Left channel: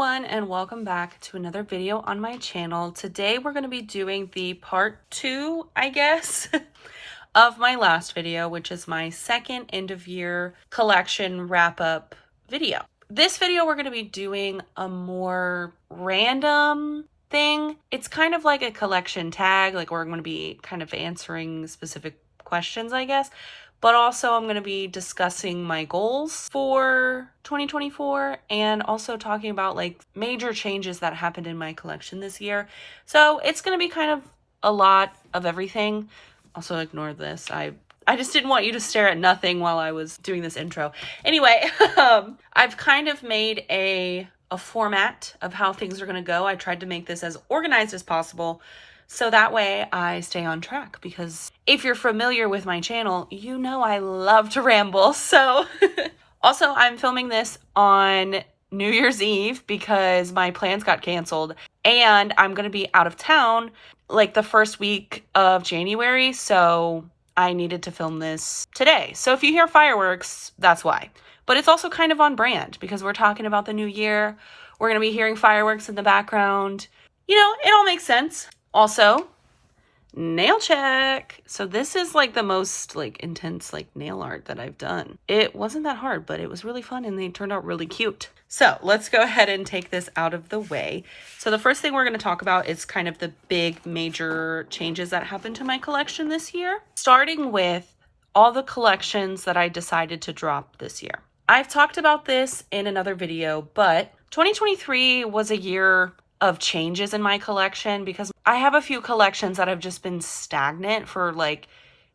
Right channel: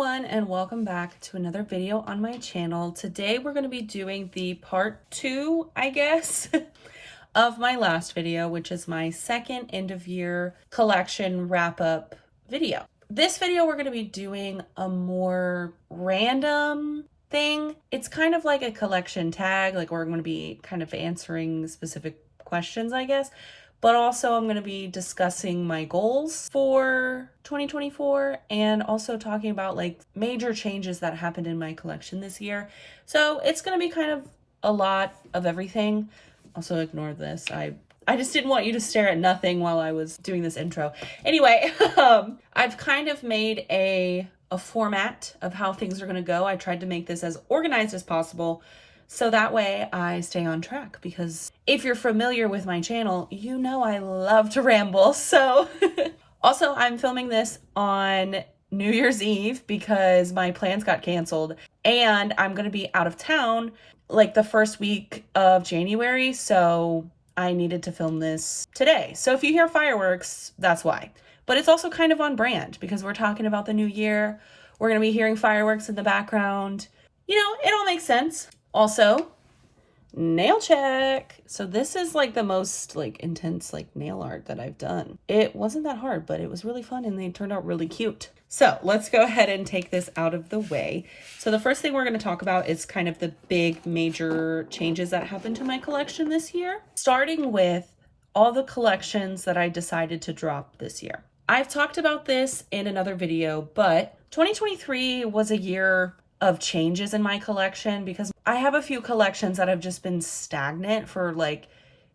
everyone, and welcome back to another video on my channel. Today we're going to be doing the part 2, I guess, of my last video, which is my second end of year collection wrap-up video. This video we're going to be doing a more random thing. It's kind of like a collection tag, like we're going to be kind of answering specific questions, I guess. But also I'm going to be discussing my goals for 2024 and also talking about like major changes that happened in my collection this year. So it's going to be kind of a lot of everything. Also ignore this. I just didn't want you to stare at nothing while I was doing this intro. Anyway, I've kind of made a format of how things are going to go. I tried to make this as organized as possible, so that way I stay on track, because if you're familiar with my channel, you know I love to ramble. So also I'm filming this on New Year's Eve because my plans got canceled and I'm going to be out of town like the first week of January. So I needed to film this today. So if you hear fireworks, that's why. But it's also kind of on brand because we're talking about the new year. We're going to be hearing fireworks in the background. You know, it all makes sense. Also, nail check. So this is like the most like intense like nail art that I've done. It wasn't that hard, but it was really fun and they turned out really cute. So let's go ahead and take this out of the way. So the first thing we're going to talk about is kind of the big major changes that happened to my collection this year. Starting with all the collections that I decided to drop this year. I've talked about this in another video, but 2023 was a year of changes in my collection because I have a few collections that have just been stagnant for like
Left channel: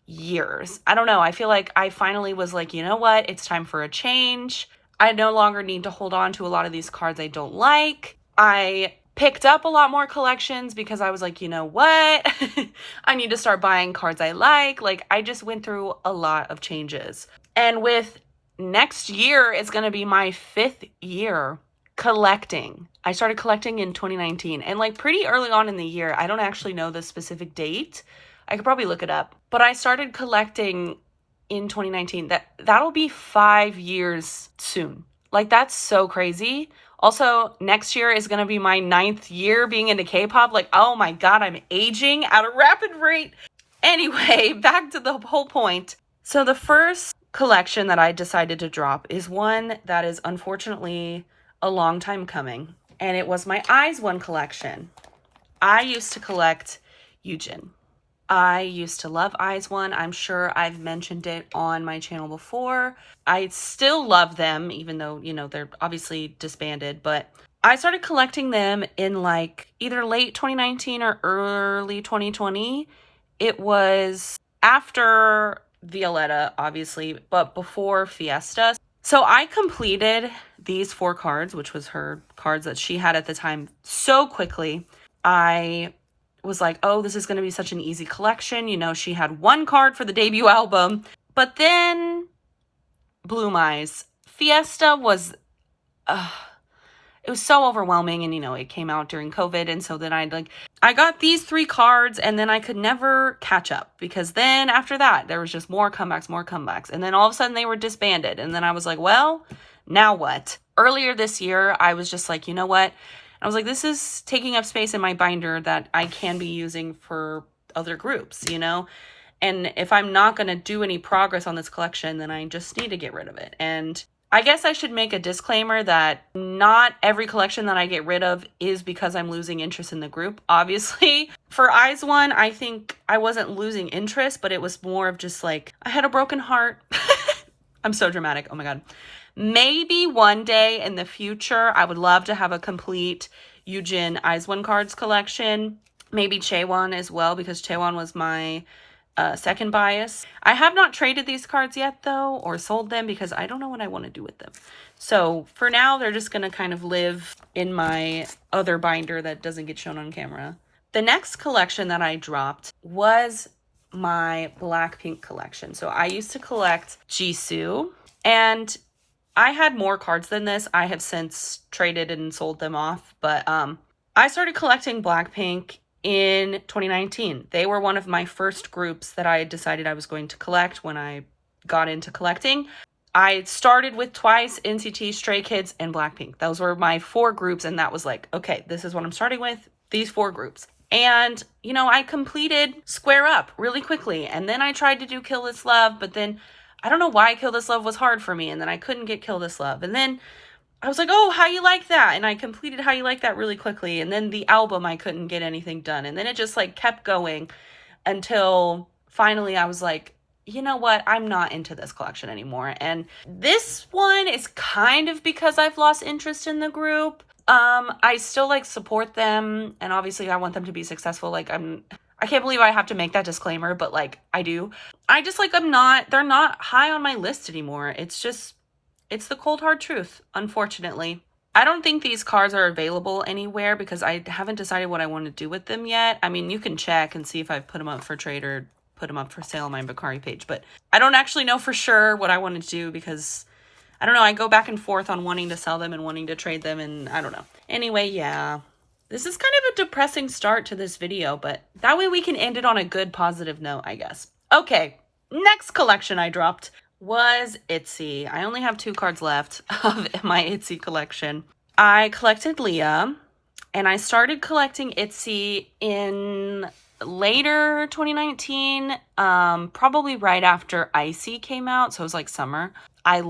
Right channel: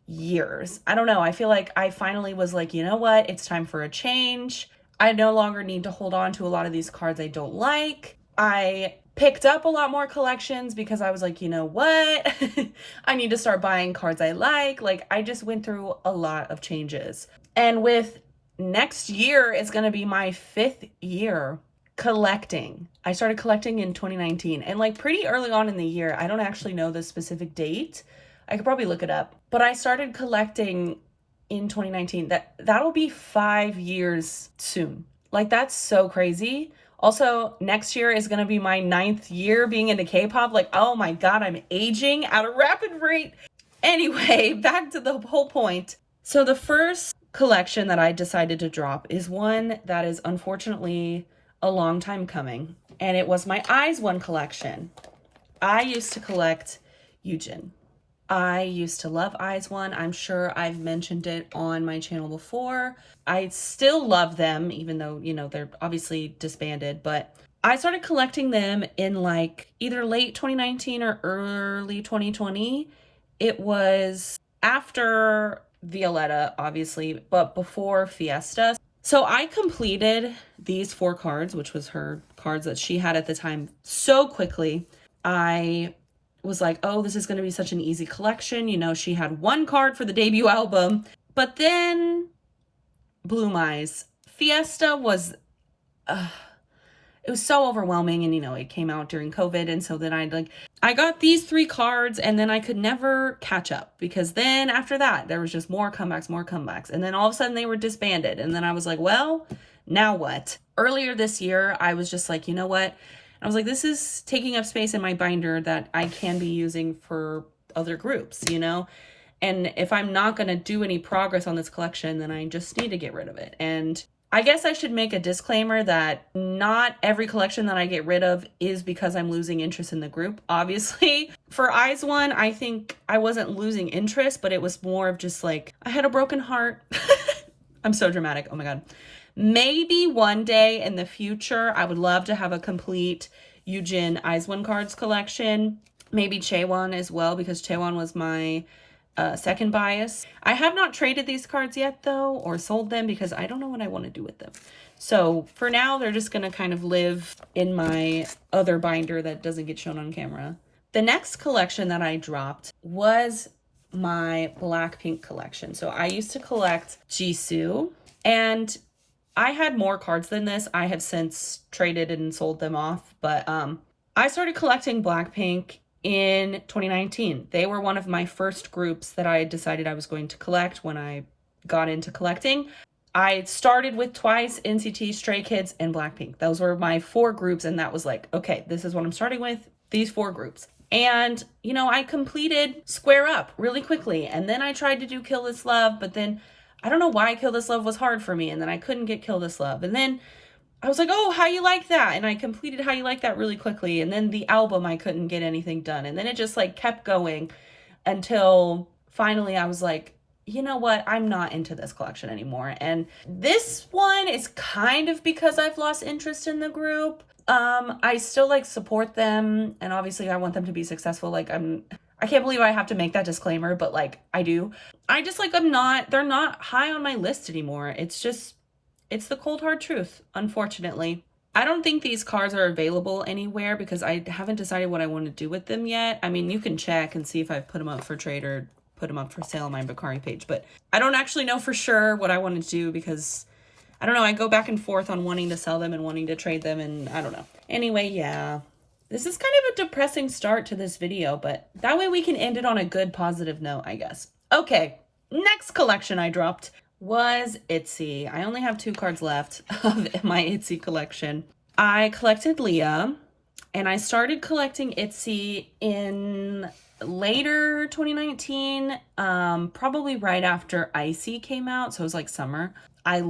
years. I don't know. I feel like I finally was like, you know what? It's time for a change. I no longer need to hold on to a lot of these cards I don't like. I picked up a lot more collections because I was like, you know what? I need to start buying cards I like. Like I just went through a lot of changes. And with next year, it's going to be my 5th year collecting. I started collecting in 2019 and like pretty early on in the year. I don't actually know the specific date. I could probably look it up, but I started collecting in 2019. That'll be 5 years soon. Like that's so crazy. Also, next year is going to be my 9th year being into K-pop. Like, oh my God, I'm aging at a rapid rate. Anyway, back to the whole point. So the first collection that I decided to drop is one that is unfortunately a long time coming, and it was my aespa collection. I used to collect evnne. I used to love aespa. I'm sure I've mentioned it on my channel before. I still love them, even though, you know, they're obviously disbanded, but I started collecting them in like either late 2019 or early 2020. It was after Violetta, obviously, but before Fiesta. So I completed these 4 cards, which was her cards that she had at the time, so quickly. I was like, oh, this is going to be such an easy collection. You know, she had 1 card for the debut album, but then Bloom Eyes. Fiesta was, it was so overwhelming, and you know, it came out during COVID, and so then I got these 3 cards and then I could never catch up, because then after that there was just more comebacks, and then all of a sudden they were disbanded, and then I was like, well, now what? Earlier this year I was just like, you know what? I was like, this is taking up space in my binder that I can be using for other groups, you know? And if I'm not going to do any progress on this collection, then I just need to get rid of it. And I guess I should make a disclaimer that not every collection that I get rid of is because I'm losing interest in the group. Obviously, for aespa, I think I wasn't losing interest, but it was more of just like, I had a broken heart. I'm so dramatic. Oh my God. Maybe one day in the future, I would love to have a complete evnne aespa cards collection. Maybe Chaewon as well, because Chaewon was my second bias. I have not traded these cards yet though, or sold them, because I don't know what I want to do with them. So for now, they're just going to kind of live in my other binder that doesn't get shown on camera. The next collection that I dropped was my Blackpink collection. So I used to collect Jisoo, and I had more cards than this. I have since traded and sold them off, but I started collecting Blackpink in 2019. They were one of my first groups that I decided I was going to collect when I got into collecting. I started with Twice, NCT, Stray Kids, and Blackpink. Those were my 4 groups, and that was like, okay, this is what I'm starting with, these 4 groups. And, you know, I completed Square Up really quickly, and then I tried to do Kill This Love, but then I don't know why Kill This Love was hard for me, and then I couldn't get Kill This Love. And then I was like, oh, How You Like That, and I completed How You Like That really quickly, and then the album, I couldn't get anything done, and then it just like kept going until finally I was like, you know what, I'm not into this collection anymore. And this one is kind of because I've lost interest in the group. I still like support them, and obviously I want them to be successful. Like I can't believe I have to make that disclaimer, but like I do. I just like they're not high on my list anymore. It's the cold hard truth, unfortunately. I don't think these cards are available anywhere because I haven't decided what I want to do with them yet. I mean, you can check and see if I've put them up for trade or put them up for sale on my Bakari page, but I don't actually know for sure what I want to do because I don't know. I go back and forth on wanting to sell them and wanting to trade them, and I don't know. Anyway, yeah, this is kind of a depressing start to this video, but that way we can end it on a good positive note, I guess. Okay, next collection I dropped was ITZY. I only have 2 cards left of my ITZY collection. I collected Leah, and I started collecting ITZY in later 2019, probably right after Icy came out, so it was like summer. I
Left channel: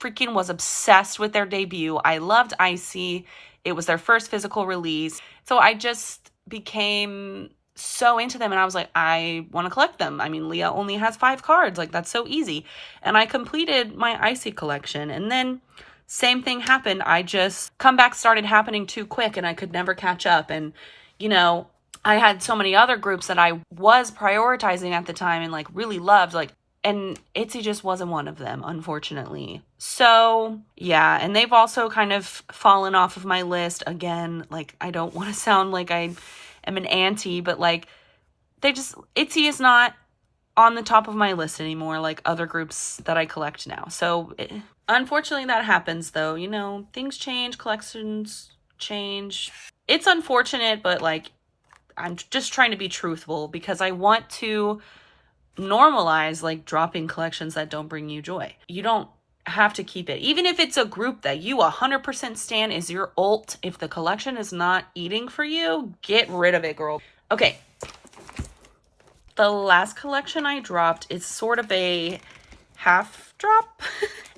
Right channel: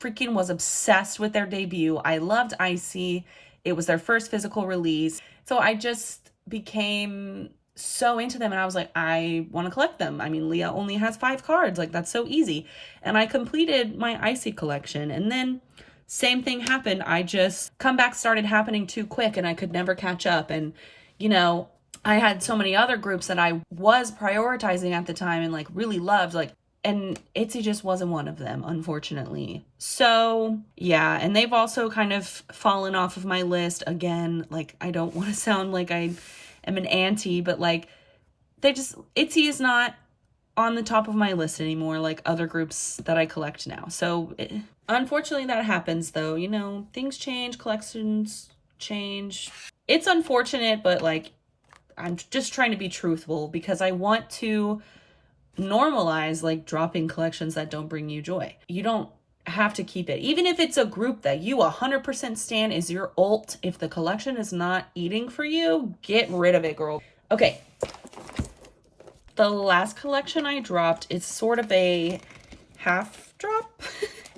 freaking was obsessed with their debut. I loved Icy. It was their first physical release, so I just became so into them, and I was like, I want to collect them. I mean, Leah only has 5 cards, like that's so easy. And I completed my Icy collection, and then same thing happened. I just comeback started happening too quick, and I could never catch up. And you know, I had so many other groups that I was prioritizing at the time and like really loved, like, and ITZY just wasn't one of them, unfortunately. So yeah, and they've also kind of fallen off of my list again. Like, I don't want to sound like I am an auntie, but like ITZY is not on the top of my list anymore, like other groups that I collect now. So unfortunately that happens though, you know, things change, collections change. It's unfortunate, but like, I'm just trying to be truthful because I want to normalize like dropping collections that don't bring you joy. You don't have to keep it. Even if it's a group that you 100% stan is your ult, if the collection is not eating for you, get rid of it, girl. Okay. The last collection I dropped is sort of a half drop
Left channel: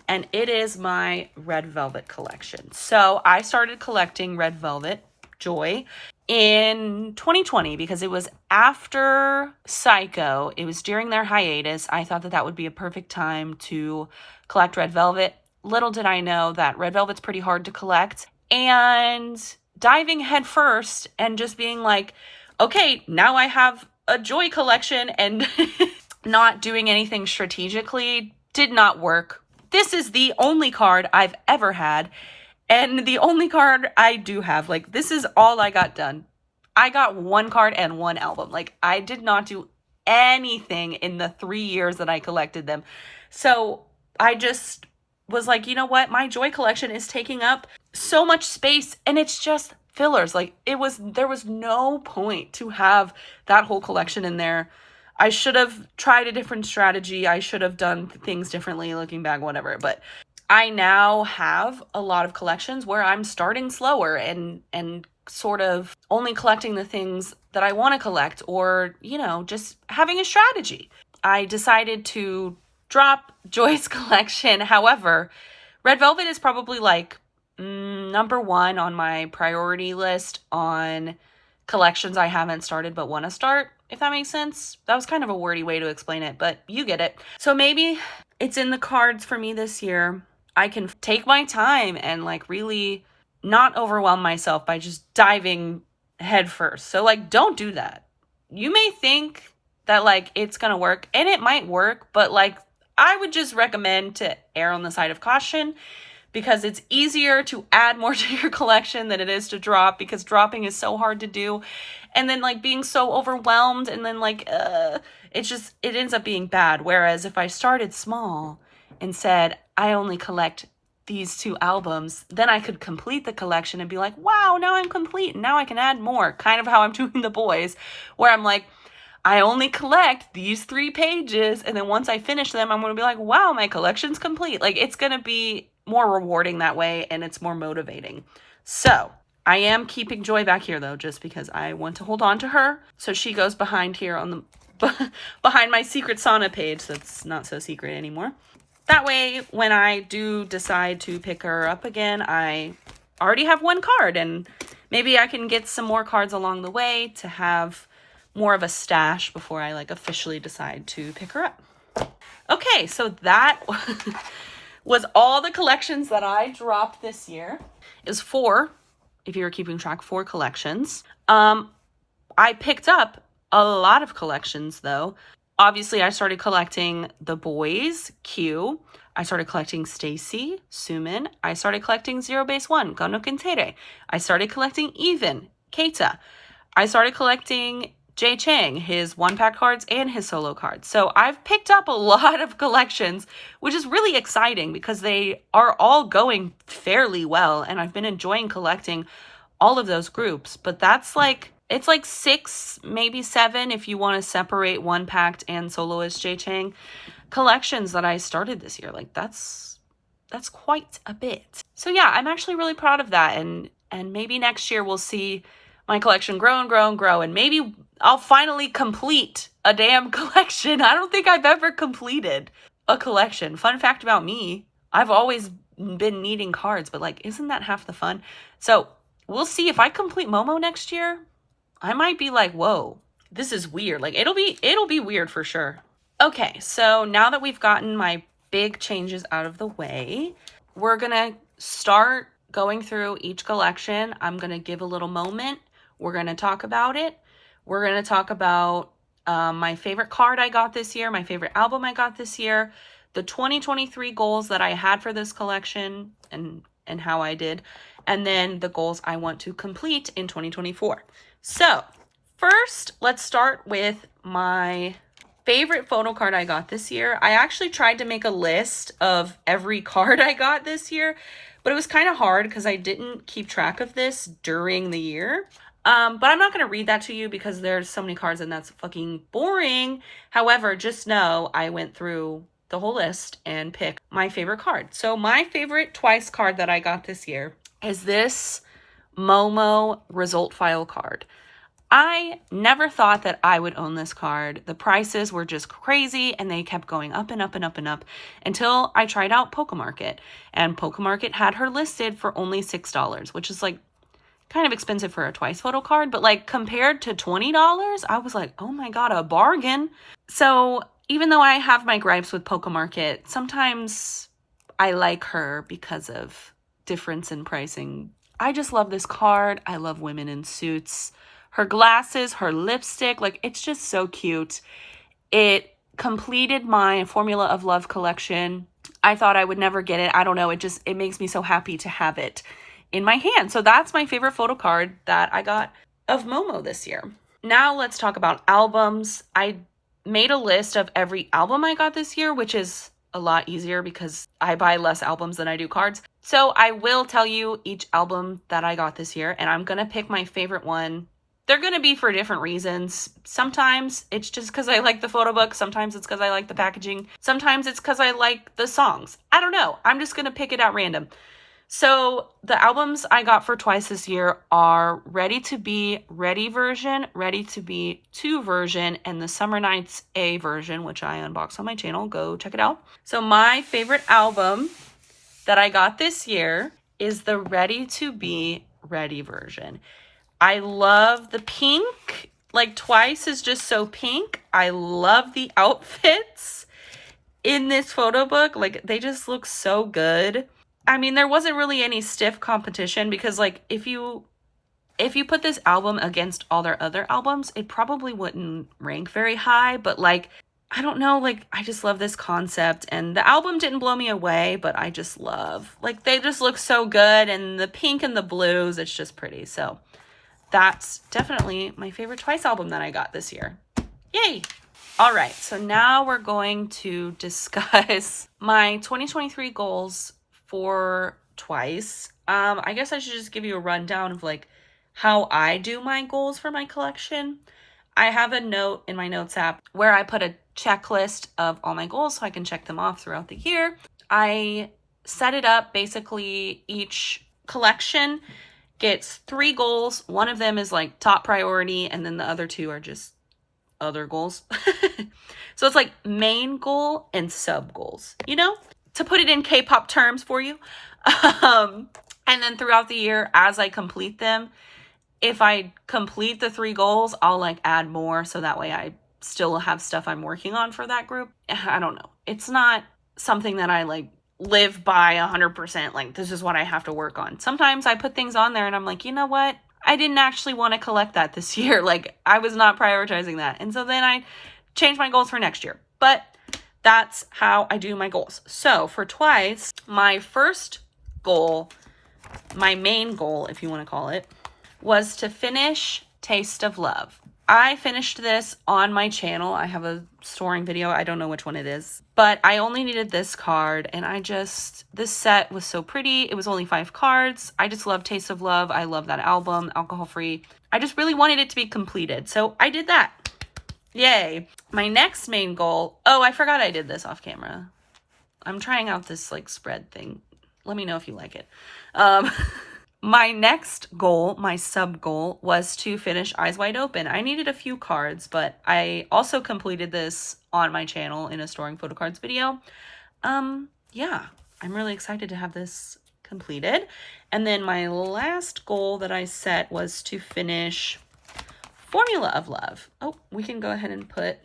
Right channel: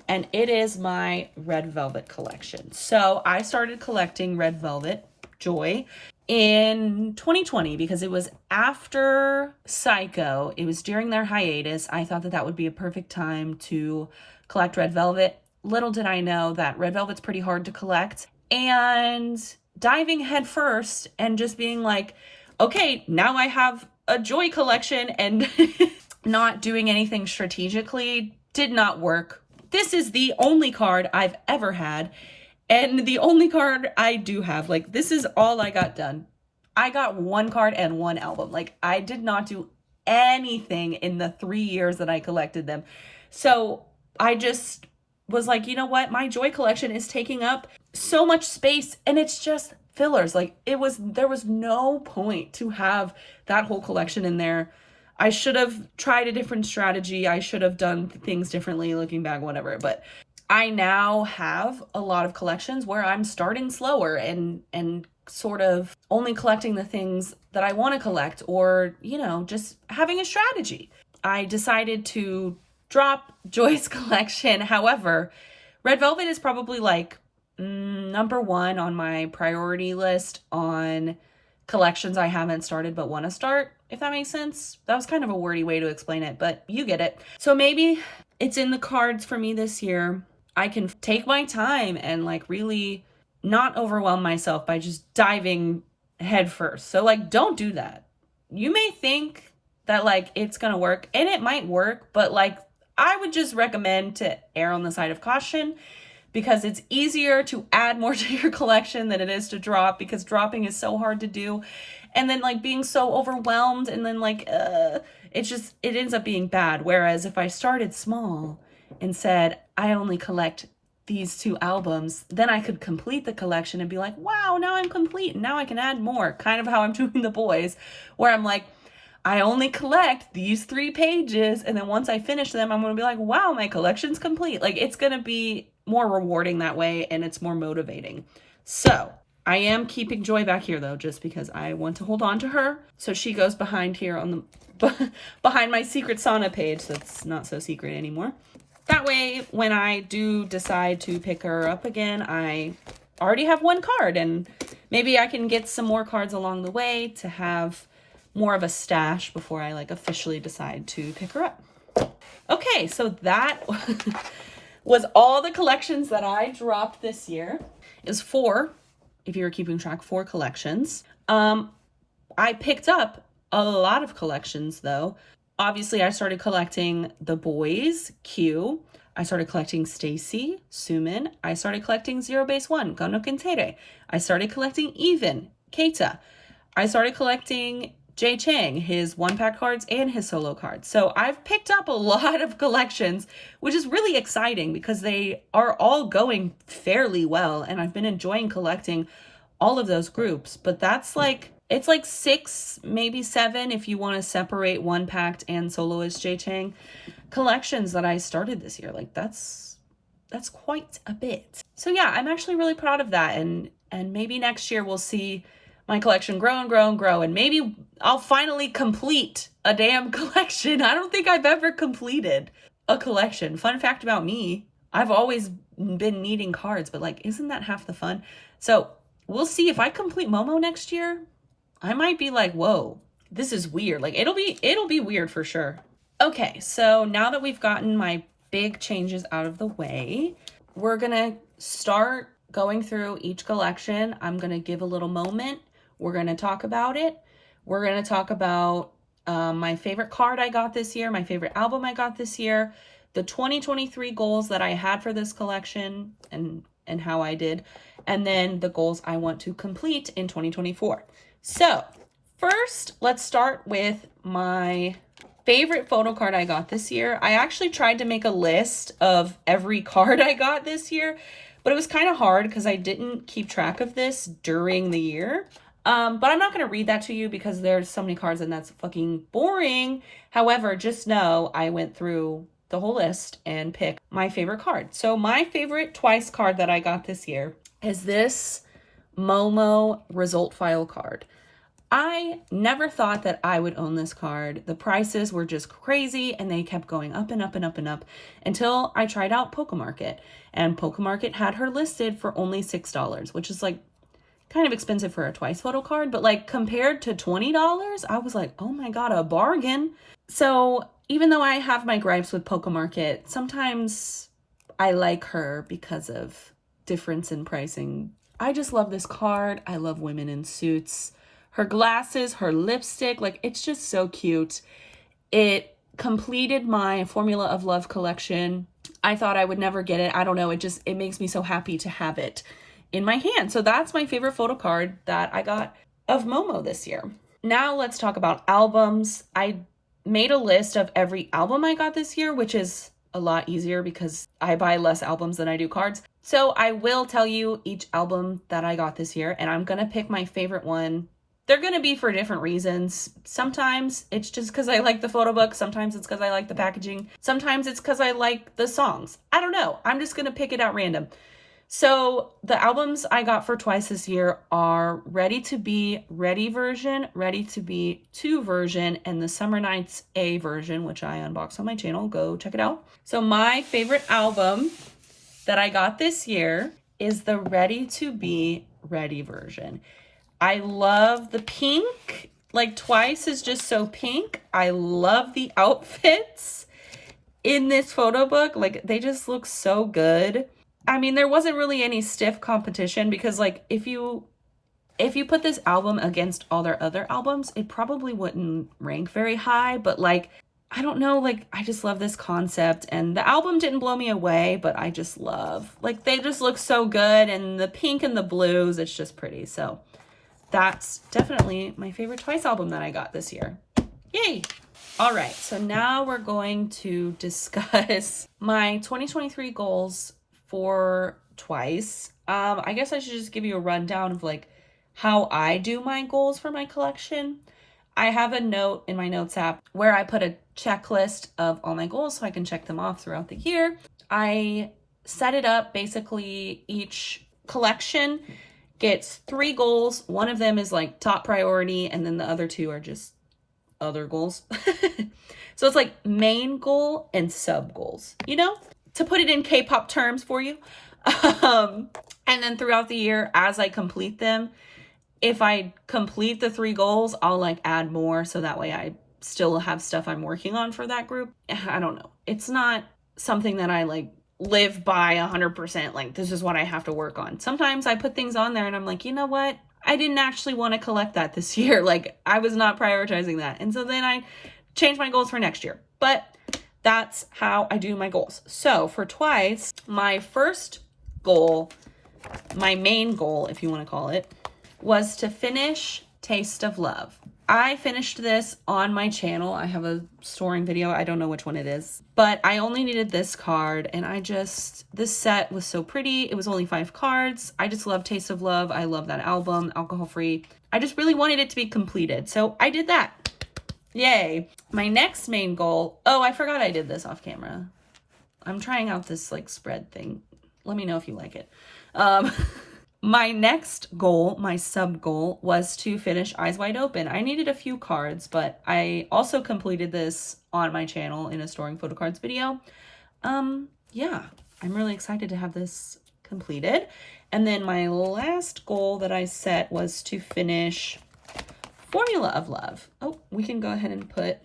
and it is my Red Velvet collection. So I started collecting Red Velvet Joy in 2020 because it was after Psycho. It was during their hiatus. I thought that that would be a perfect time to collect Red Velvet. Little did I know that Red Velvet's pretty hard to collect, and diving head first and just being like, okay, now I have a Joy collection, and not doing anything strategically did not work. This is the only card I've ever had, and the only card I do have. Like, this is all I got done. I got 1 card and 1 album. Like, I did not do anything in the 3 years that I collected them. So I just was like, you know what? My Joy collection is taking up so much space, and it's just fillers. Like, there was no point to have that whole collection in there. I should have tried a different strategy. I should have done things differently looking back, whatever. But I now have a lot of collections where I'm starting slower and sort of only collecting the things that I want to collect, or, you know, just having a strategy. I decided to drop Joy's collection. However, Red Velvet is probably like number 1 on my priority list on collections I haven't started but want to start, if that makes sense. That was kind of a wordy way to explain it, but you get it. So maybe it's in the cards for me this year. I can take my time and like really not overwhelm myself by just diving head first. So like, don't do that. You may think that like it's gonna work, and it might work, but like, I would just recommend to err on the side of caution, because it's easier to add more to your collection than it is to drop, because dropping is so hard to do. And then like being so overwhelmed, and then like it ends up being bad. Whereas if I started small and said I only collect these 2 albums, then I could complete the collection and be like, wow, now I'm complete, and now I can add more. Kind of how I'm doing the boyz, where I'm like, I only collect these 3 pages, and then once I finish them, I'm gonna be like, wow, my collection's complete. Like, it's gonna be more rewarding that way, and it's more motivating. So I am keeping Joy back here though, just because I want to hold on to her. So she goes behind here on the behind my secret sauna page that's not so secret anymore. That way, when I do decide to pick her up again, I already have 1 card, and maybe I can get some more cards along the way to have more of a stash before I like officially decide to pick her up. Okay, so that was all the collections that I dropped this year. It was 4, if you were keeping track, 4 collections. I picked up a lot of collections though. Obviously, I started collecting the boyz, Q. I started collecting Stacy, Sumin. I started collecting Zero Base 1, Gono Kintere. I started collecting evnne, Keita. I started collecting chang, his 1-pack cards and his solo cards. So I've picked up a lot of collections, which is really exciting because they are all going fairly well. And I've been enjoying collecting all of those groups. But that's like, it's like 6, maybe 7 if you want to separate 1-packed and soloist chang collections that I started this year. Like that's quite a bit. So yeah, I'm actually really proud of that. And maybe next year we'll see my collection grow and grow and grow, and maybe I'll finally complete a damn collection. I don't think I've ever completed a collection. Fun fact about me, I've always been needing cards, but like, isn't that half the fun? So we'll see. If I complete Momo next year, I might be like, whoa, this is weird. Like it'll be weird for sure. Okay, so now that we've gotten my big changes out of the way, we're gonna start going through each collection. I'm gonna give a little moment. We're gonna talk about it. We're gonna talk about my favorite card I got this year, my favorite album I got this year, the 2023 goals that I had for this collection and how I did, and then the goals I want to complete in 2024. So first, let's start with my favorite photo card I got this year. I actually tried to make a list of every card I got this year, but it was kind of hard because I didn't keep track of this during the year. But I'm not going to read that to you because there's so many cards and that's fucking boring. However, just know I went through the whole list and picked my favorite card. So my favorite twice card that I got this year is this Momo result file card. I never thought that I would own this card. The prices were just crazy and they kept going up and up and up and up until I tried out Pokemarket, and Pokemarket had her listed for only $6, which is like kind of expensive for a twice photo card, but like compared to $20, I was like, oh my God, a bargain. So even though I have my gripes with Pokemarket, sometimes I like her because of difference in pricing. I just love this card. I love women in suits. Her glasses, her lipstick, like it's just so cute. It completed my Formula of Love collection. I thought I would never get it. I don't know. It makes me so happy to have it in my hand. So that's my favorite photo card that I got of Momo this year. Now let's talk about albums. I made a list of every album I got this year, which is a lot easier because I buy less albums than I do cards. So I will tell you each album that I got this year, and I'm going to pick my favorite one. They're going to be for different reasons. Sometimes it's just because I like the photo book. Sometimes it's because I like the packaging. Sometimes it's because I like the songs. I don't know. I'm just going to pick it at random. So the albums I got for twice this year are Ready to Be Ready version, Ready to Be 2 version, and the Summer Nights A version, which I unboxed on my channel. Go check it out. So my favorite album that I got this year is the Ready to Be Ready version. I love the pink. Like Twice is just so pink. I love the outfits in this photo book. Like they just look so good. I mean, there wasn't really any stiff competition because like if you put this album against all their other albums, it probably wouldn't rank very high, but like I don't know, like I just love this concept, and the album didn't blow me away, but I just love, like they just look so good, and the pink and the blues, it's just pretty. So that's definitely my favorite Twice album that I got this year. Yay! All right, so now we're going to discuss my 2023 goals for Twice. I guess I should just give you a rundown of like how I do my goals for my collection. I have a note in my notes app where I put a checklist of all my goals so I can check them off throughout the year. I set it up, basically each collection gets 3 goals. One of them is like top priority, and then the other 2 are just other goals. So it's like main goal and sub goals, you know, to put it in K-pop terms for you. And then throughout the year, as I complete them, if I complete the 3 goals, I'll like add more. So that way I still have stuff I'm working on for that group. I don't know. It's not something that I like live by 100%. Like, this is what I have to work on. Sometimes I put things on there and I'm like, you know what? I didn't actually want to collect that this year. Like, I was not prioritizing that. And so then I changed my goals for next year. But that's how I do my goals. So for twice, my first goal, my main goal, if you want to call it, was to finish Taste of Love. I finished this on my channel. I have a storing video. I don't know which one it is, but I only needed this card, and this set was so pretty. It was only 5 cards. I just love Taste of Love. I love that album, alcohol free. I just really wanted it to be completed. So I did that. Yay. My next main goal. Oh, I forgot I did this off camera. I'm trying out this like spread thing. Let me know if you like it. My next goal, my sub goal, was to finish Eyes Wide Open. I needed a few cards, but I also completed this on my channel in a storing photo cards video. Yeah, I'm really excited to have this completed. And then my last goal that I set was to finish Formula of Love. Oh, we can go ahead and put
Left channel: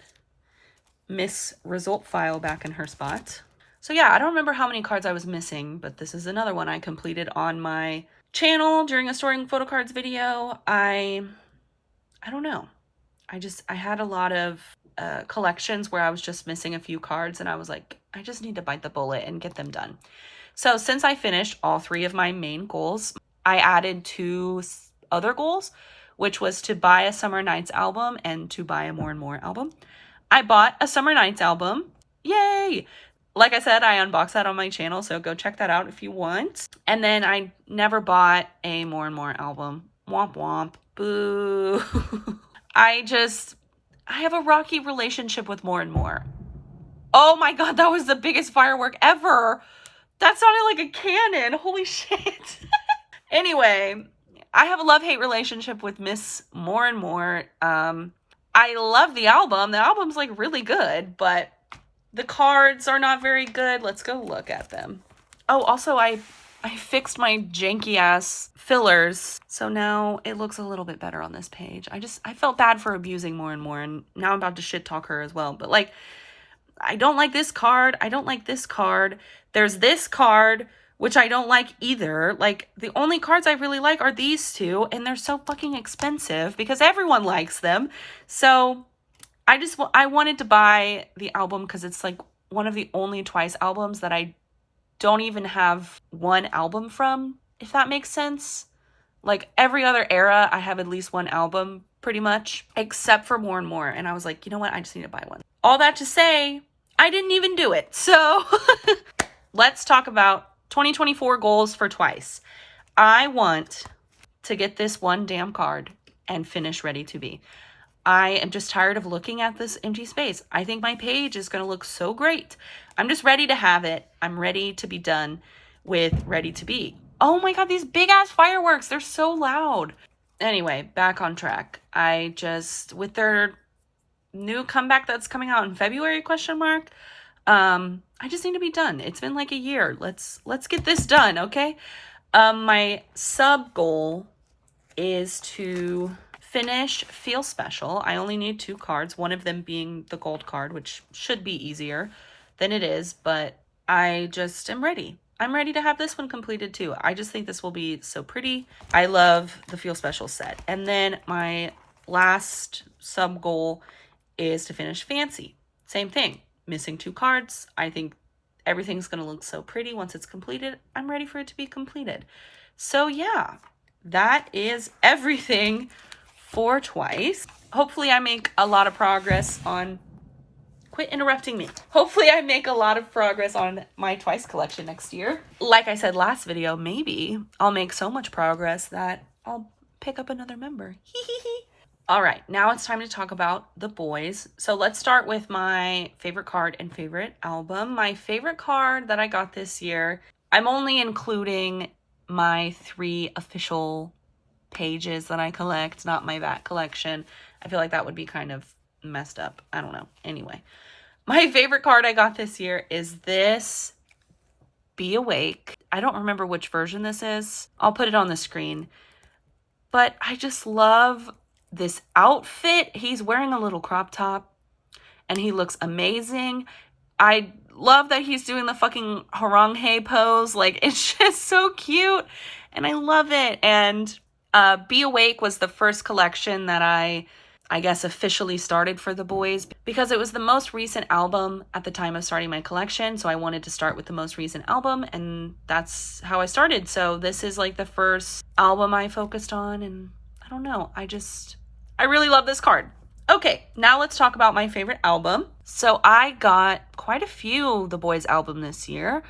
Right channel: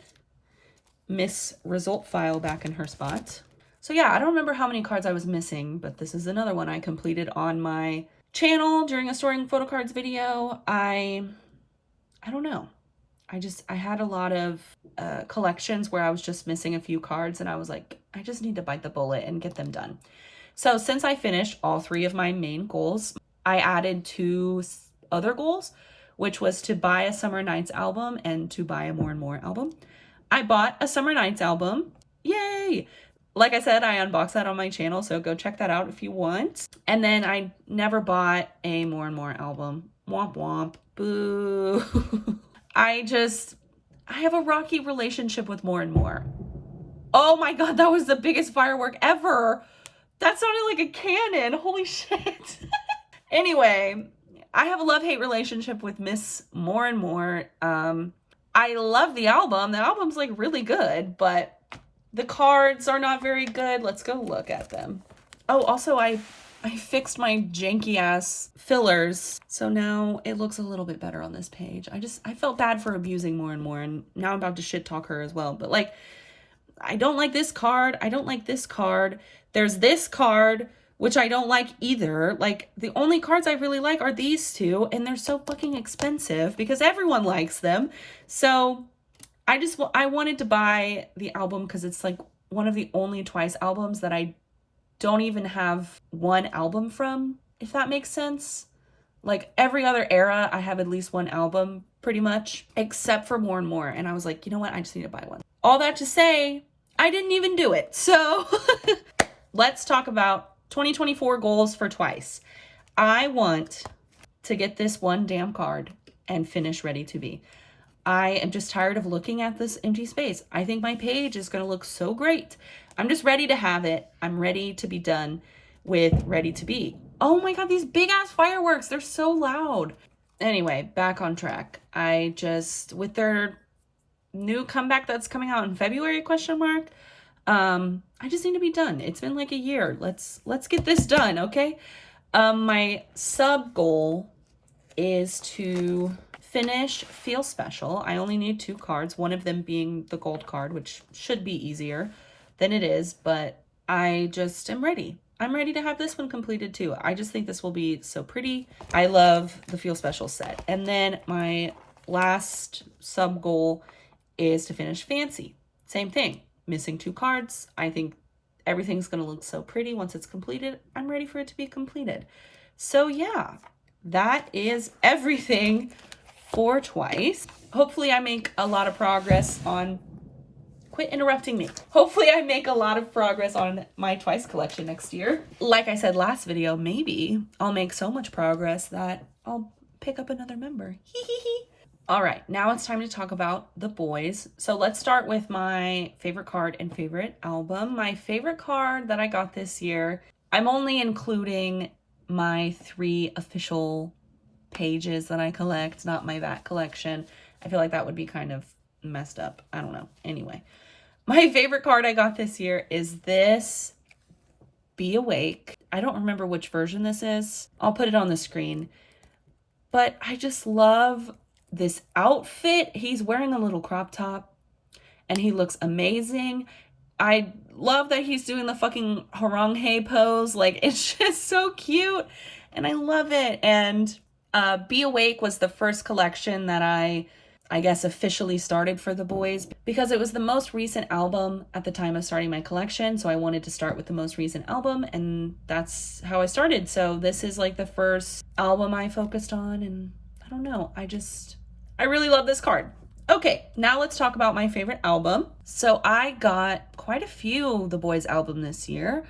Miss Result File back in her spot. So yeah, I don't remember how many cards I was missing, but this is another one I completed on my channel during a storing photo cards video. I don't know. I had a lot of collections where I was just missing a few cards, and I was like, I just need to bite the bullet and get them done. So since I finished all 3 of my main goals, I added 2 other goals, which was to buy a Summer Nights album and to buy a More and More album. I bought a Summer Nights album. Yay! Like I said, I unboxed that on my channel, so go check that out if you want. And then I never bought a More and More album. Womp womp. Boo. I have a rocky relationship with More and More. Oh my god, that was the biggest firework ever. That sounded like a cannon. Holy shit. Anyway, I have a love-hate relationship with Miss More and More. I love the album. The album's like really good, but the cards are not very good. Let's go look at them. Oh, also I fixed my janky ass fillers. So now it looks a little bit better on this page. I felt bad for abusing More and More, and now I'm about to shit talk her as well. But like, I don't like this card. I don't like this card. There's this card, which I don't like either. Like, the only cards I really like are these 2, and they're so fucking expensive because everyone likes them. So I wanted to buy the album because it's like one of the only Twice albums that I don't even have one album from, if that makes sense. Like, every other era, I have at least one album, pretty much, except for More and More. And I was like, you know what? I just need to buy one. All that to say, I didn't even do it. So let's talk about 2024 goals for Twice. I want to get this one damn card and finish Ready to Be. I am just tired of looking at this empty space. I think my page is going to look so great. I'm just ready to have it. I'm ready to be done with Ready to Be. Oh my god, these big ass fireworks. They're so loud. Anyway, back on track. With their new comeback that's coming out in February, I just need to be done. It's been like a year. Let's get this done, okay? My sub goal is to finish Feel Special. I only need 2 cards, one of them being the gold card, which should be easier than it is, but I just am ready. I'm ready to have this one completed too. I just think this will be so pretty. I love the Feel Special set. And then my last sub goal is to finish Fancy. Same thing, missing 2 cards. I think everything's gonna look so pretty once it's completed. I'm ready for it to be completed. So yeah, that is everything for Twice. Hopefully I make a lot of progress on, quit interrupting me. Hopefully I make a lot of progress on my Twice collection next year. Like I said last video, maybe I'll make so much progress that I'll pick up another member. All right, now it's time to talk about the boys. So let's start with my favorite card and favorite album. My favorite card that I got this year, I'm only including my 3 official pages that I collect, not my VAT collection. I feel like that would be kind of messed up. I don't know. Anyway, my favorite card I got this year is this Be Awake. I don't remember which version this is. I'll put it on the screen. But I just love this outfit. He's wearing a little crop top and he looks amazing. I love that he's doing the fucking harangue pose. Like, it's just so cute and I love it. And Be Awake was the first collection that I guess officially started for the boys because it was the most recent album at the time of starting my collection. So I wanted to start with the most recent album and that's how I started. So this is like the first album I focused on and I don't know. I really love this card. Okay, now let's talk about my favorite album. So I got quite a few The Boyz album this year.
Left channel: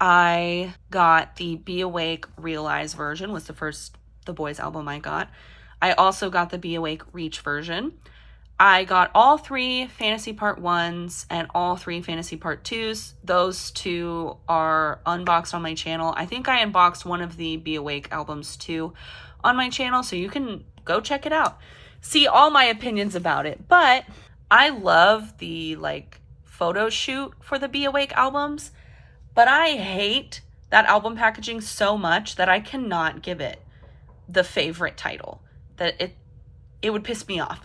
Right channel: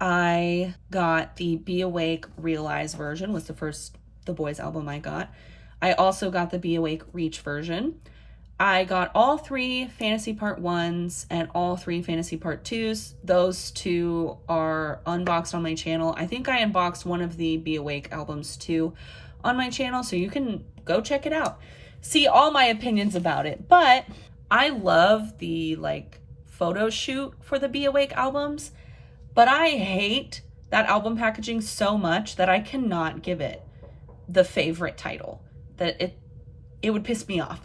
I got the Be Awake Realize version was the first The Boyz album I got. I also got the Be Awake Reach version. I got all 3 Fantasy Part 1s and all 3 Fantasy Part 2s. Those 2 are unboxed on my channel. I think I unboxed one of the Be Awake albums too on my channel, so you can go check it out. See all my opinions about it. But I love the like photo shoot for the Be Awake albums, but I hate that album packaging so much that I cannot give it the favorite title. That it would piss me off.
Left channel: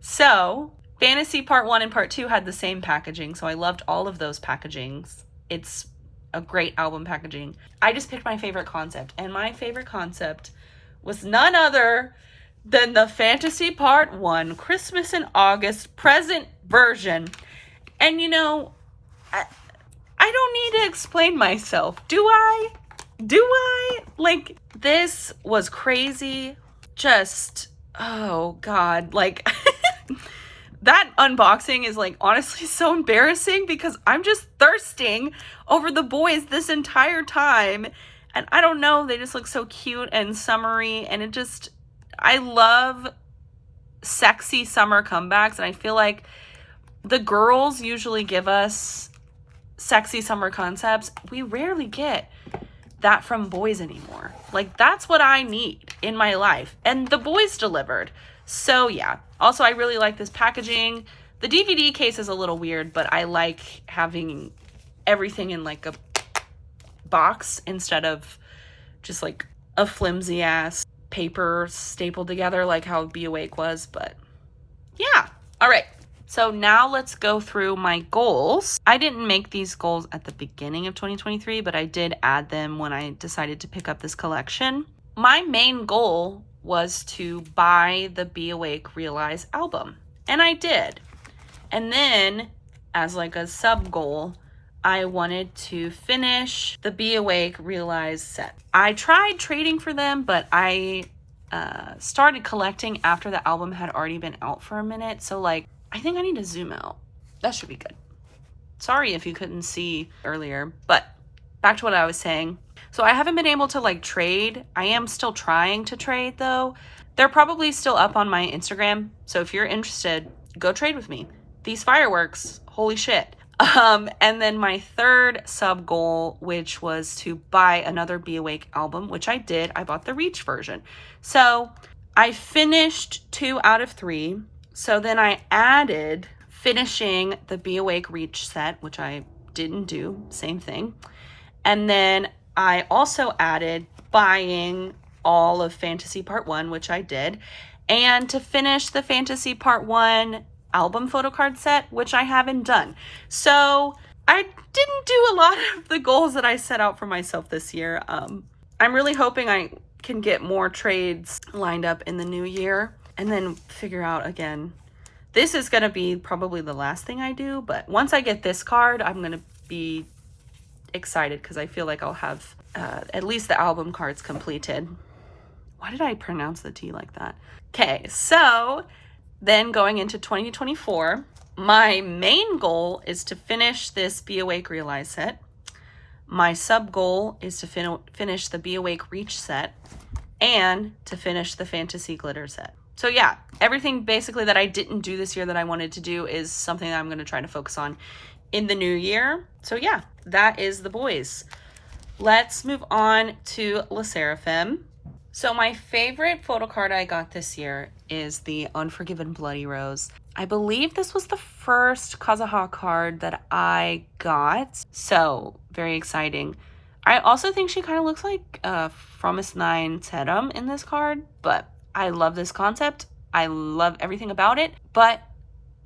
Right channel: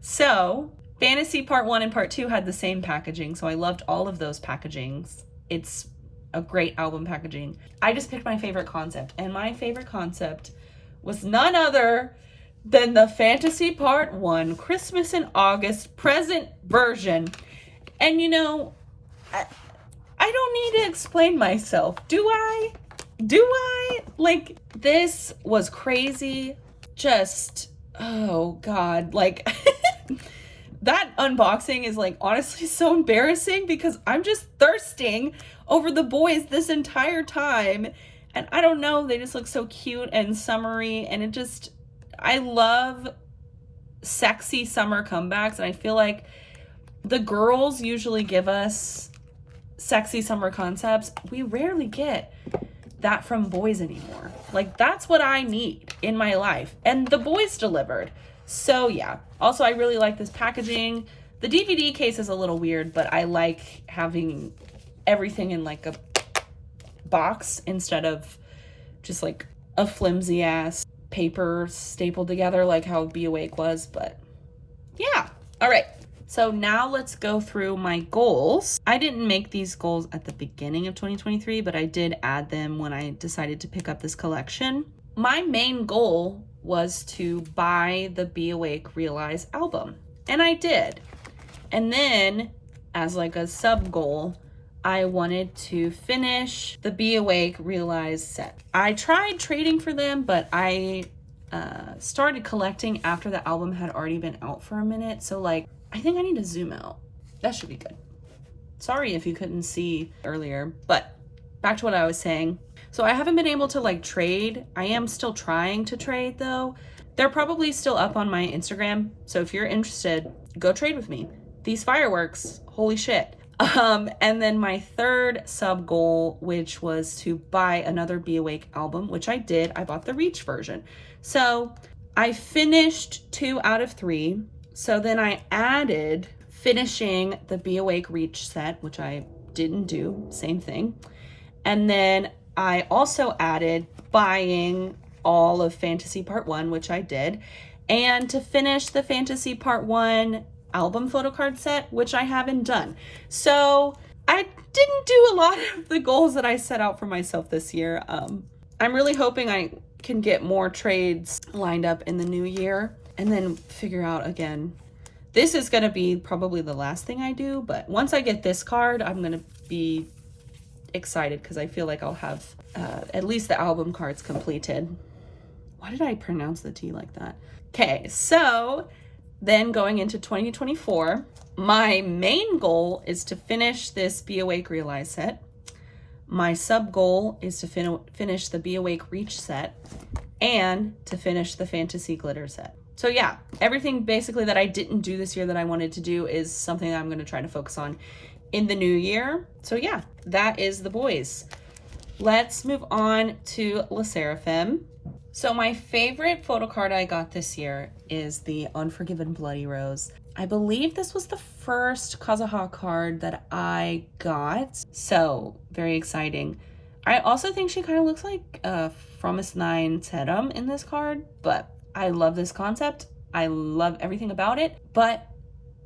So Fantasy Part 1 and Part 2 had the same packaging, so I loved all of those packagings. It's a great album packaging. I just picked my favorite concept, and my favorite concept was none other than the Fantasy Part 1 Christmas in August present version. And you know, I don't need to explain myself, do I? Like, this was crazy. Just, oh God, like that unboxing is like honestly so embarrassing because I'm just thirsting over the boys this entire time. And I don't know, they just look so cute and summery, and I love sexy summer comebacks, and I feel like the girls usually give us sexy summer concepts. We rarely get that from boys anymore. Like, that's what I need in my life, and the boys delivered. So yeah, also I really like this packaging. The DVD case is a little weird, but I like having everything in like a box instead of just like a flimsy ass paper stapled together like how Be Awake was. But yeah, all right, so now let's go through my goals. I didn't make these goals at the beginning of 2023, but I did add them when I decided to pick up this collection. My main goal was to buy the Be Awake Realize album, and I did. And then as like a sub goal, I wanted to finish the Be Awake Realize set. I tried trading for them, but I started collecting after the album had already been out for a minute. So like, I think I need to zoom out. That should be good. Sorry if you couldn't see earlier, but back to what I was saying. So I haven't been able to like trade. I am still trying to trade though. They're probably still up on my Instagram. So if you're interested, go trade with me. These fireworks, holy shit. And then my third sub goal, which was to buy another Be Awake album, which I did. I bought the Reach version. So I finished 2 out of 3. So then I added finishing the Be Awake Reach set, which I didn't do, same thing. And then I also added buying all of Fantasy Part 1, which I did, and to finish the Fantasy Part 1 album photo card set, which I haven't done. So I didn't do a lot of the goals that I set out for myself this year. I'm really hoping I can get more trades lined up in the new year and then figure out again. This is going to be probably the last thing I do, but once I get this card, I'm going to be excited because I feel like I'll have at least the album cards completed. Why did I pronounce the T like that? Okay, so then going into 2024, my main goal is to finish this Be Awake Realize set. My sub goal is to finish the Be Awake Reach set and to finish the Fantasy Glitter set. So yeah, everything basically that I didn't do this year that I wanted to do is something that I'm going to try to focus on in the new year. So yeah, that is the boyz. Let's move on to sserafim. So my favorite photo card I got this year is the Unforgiven Bloody Rose. I believe this was the first Kazuha card that I got, so very exciting. I also think she kind of looks like Fromis 9 Terum in this card, but I love this concept. I love everything about it, but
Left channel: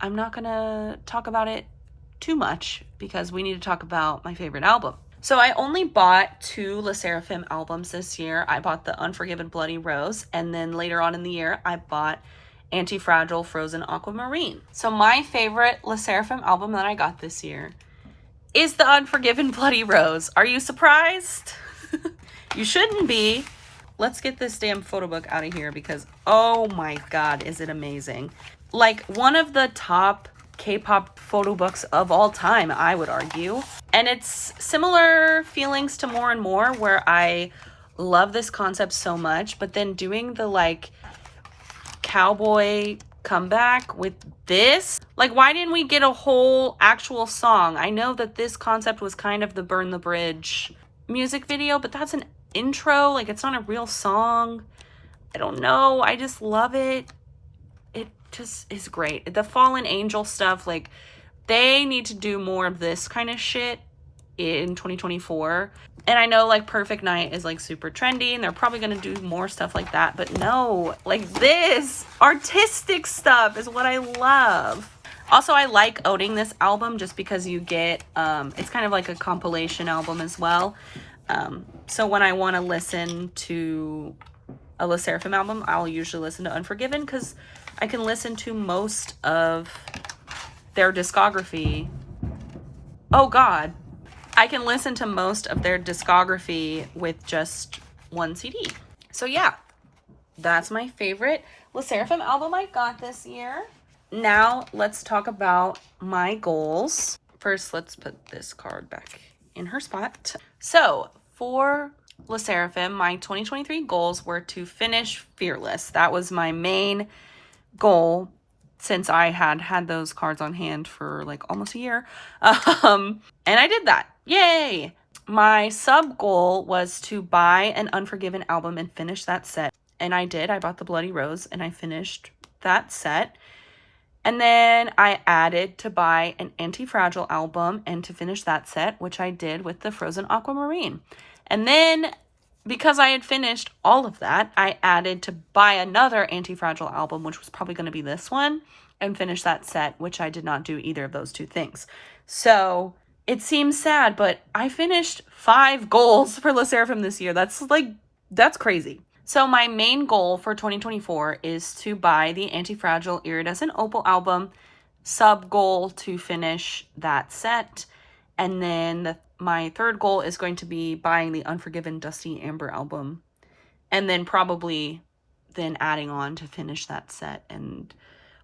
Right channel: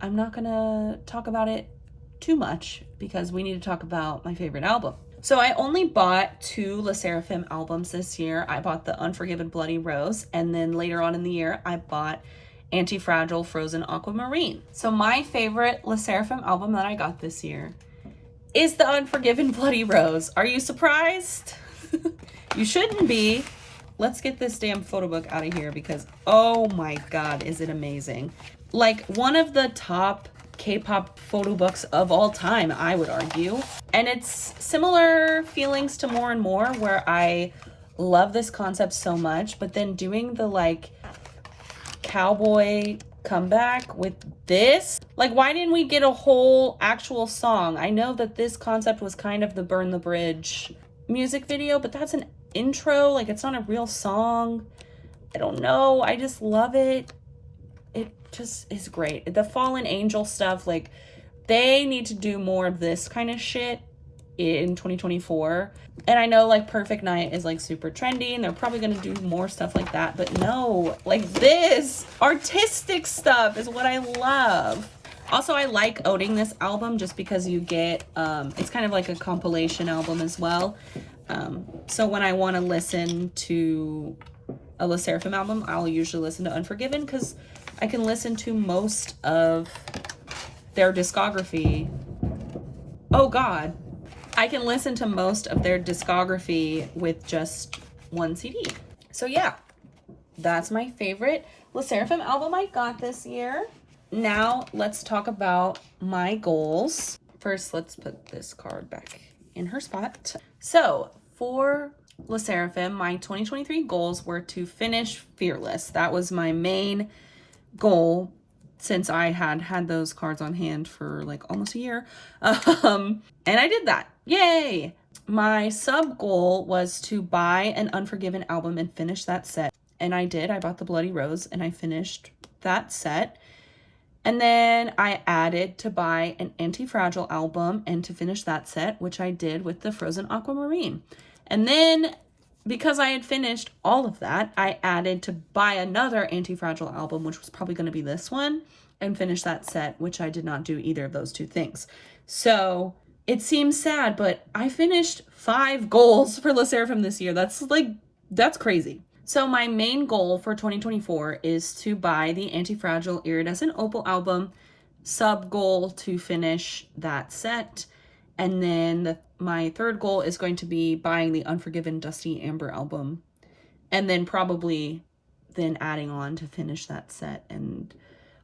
I'm not gonna talk about it too much because we need to talk about my favorite album. So I only bought 2 sserafim albums this year. I bought the Unforgiven Bloody Rose, and then later on in the year, I bought Anti-Fragile Frozen Aquamarine. So my favorite sserafim album that I got this year is the Unforgiven Bloody Rose. Are you surprised? You shouldn't be. Let's get this damn photo book out of here because, oh my God, is it amazing. Like one of the top K-pop photo books of all time, I would argue. And it's similar feelings to More and More, where I love this concept so much, but then doing the like cowboy comeback with this, like why didn't we get a whole actual song? I know that this concept was kind of the Burn the Bridge music video, but that's an intro, like it's not a real song. I don't know, I just love it. It just is great. The Fallen Angel stuff, like they need to do more of this kind of shit in 2024. And I know like Perfect Night is like super trendy and they're probably gonna do more stuff like that, but no, like this artistic stuff is what I love. Also, I like owning this album just because you get, it's kind of like a compilation album as well. So when I want to listen to a sserafim album, I'll usually listen to Unforgiven because I can listen to most of their discography. Oh God. I can listen to most of their discography with just one CD. So yeah, that's my favorite sserafim album I got this year. Now let's talk about my goals. First, let's put this card back in her spot. So for sserafim, my 2023 goals were to finish Fearless. That was my main goal since I had those cards on hand for like almost a year. And I did that. Yay! My sub goal was to buy an Unforgiven album and finish that set. And I did. I bought the Bloody Rose and I finished that set. And then I added to buy an Anti-Fragile album and to finish that set, which I did with the Frozen Aquamarine. And then because I had finished all of that, I added to buy another Anti-Fragile album, which was probably going to be this one, and finish that set, which I did not do either of those two things. So it seems sad, but I finished 5 goals for sserafim this year. That's crazy. So my main goal for 2024 is to buy the Anti-Fragile Iridescent Opal album, sub goal to finish that set, and then my third goal is going to be buying the Unforgiven Dusty Amber album, and then probably then adding on to finish that set and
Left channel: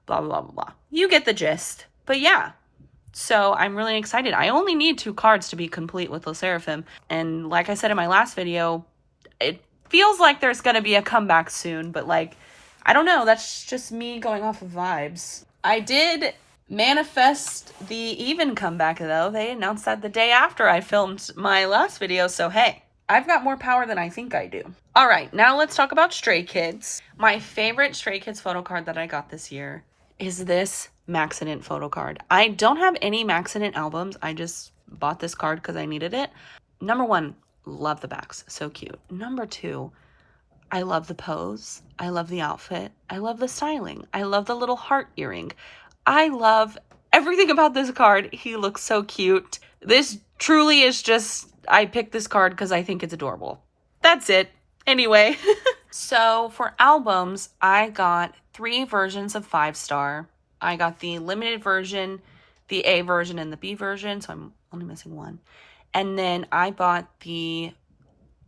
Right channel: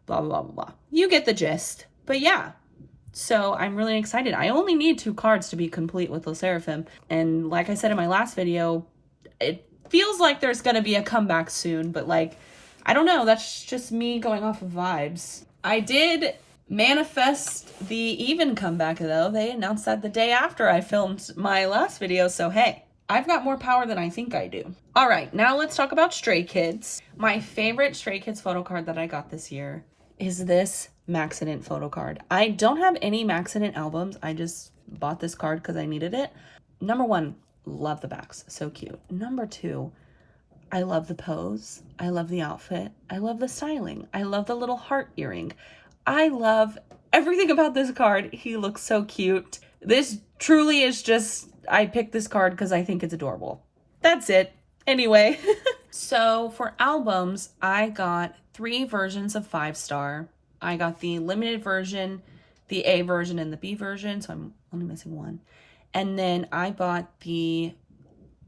blah, blah, blah, blah. You get the gist. But yeah, so I'm really excited. I only need 2 cards to be complete with sserafim. And like I said in my last video, it feels like there's going to be a comeback soon, but like, I don't know. That's just me going off of vibes. I did manifest the evnne comeback though. They announced that the day after I filmed my last video. So hey, I've got more power than I think I do. All right, now let's talk about Stray Kids. My favorite Stray Kids photo card that I got this year is this Maxident photo card. I don't have any Maxident albums. I just bought this card because I needed it. Number 1, love the backs. So cute. Number 2, I love the pose. I love the outfit. I love the styling. I love the little heart earring. I love everything about this card. He looks so cute. This truly is just, I picked this card because I think it's adorable. That's it. Anyway. So for albums, I got 3 versions of 5-star. I got the limited version, the A version, and the B version. So I'm only missing one. And then I bought the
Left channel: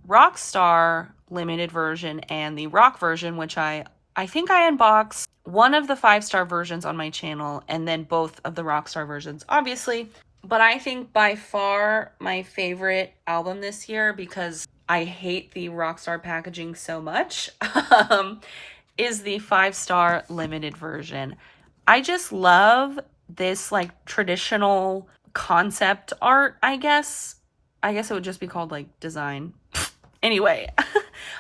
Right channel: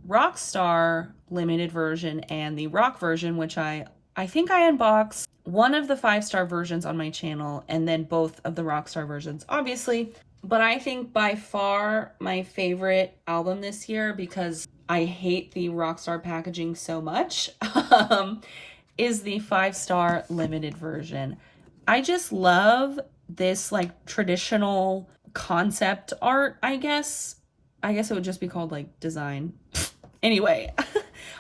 Rockstar limited version and the rock version, which I think I unboxed one of the 5-star versions on my channel and then both of the Rockstar versions, obviously. But I think by far my favorite album this year, because I hate the Rockstar packaging so much, is the 5-star limited version. I just love this like traditional concept art, I guess. I guess it would just be called like design. Anyway,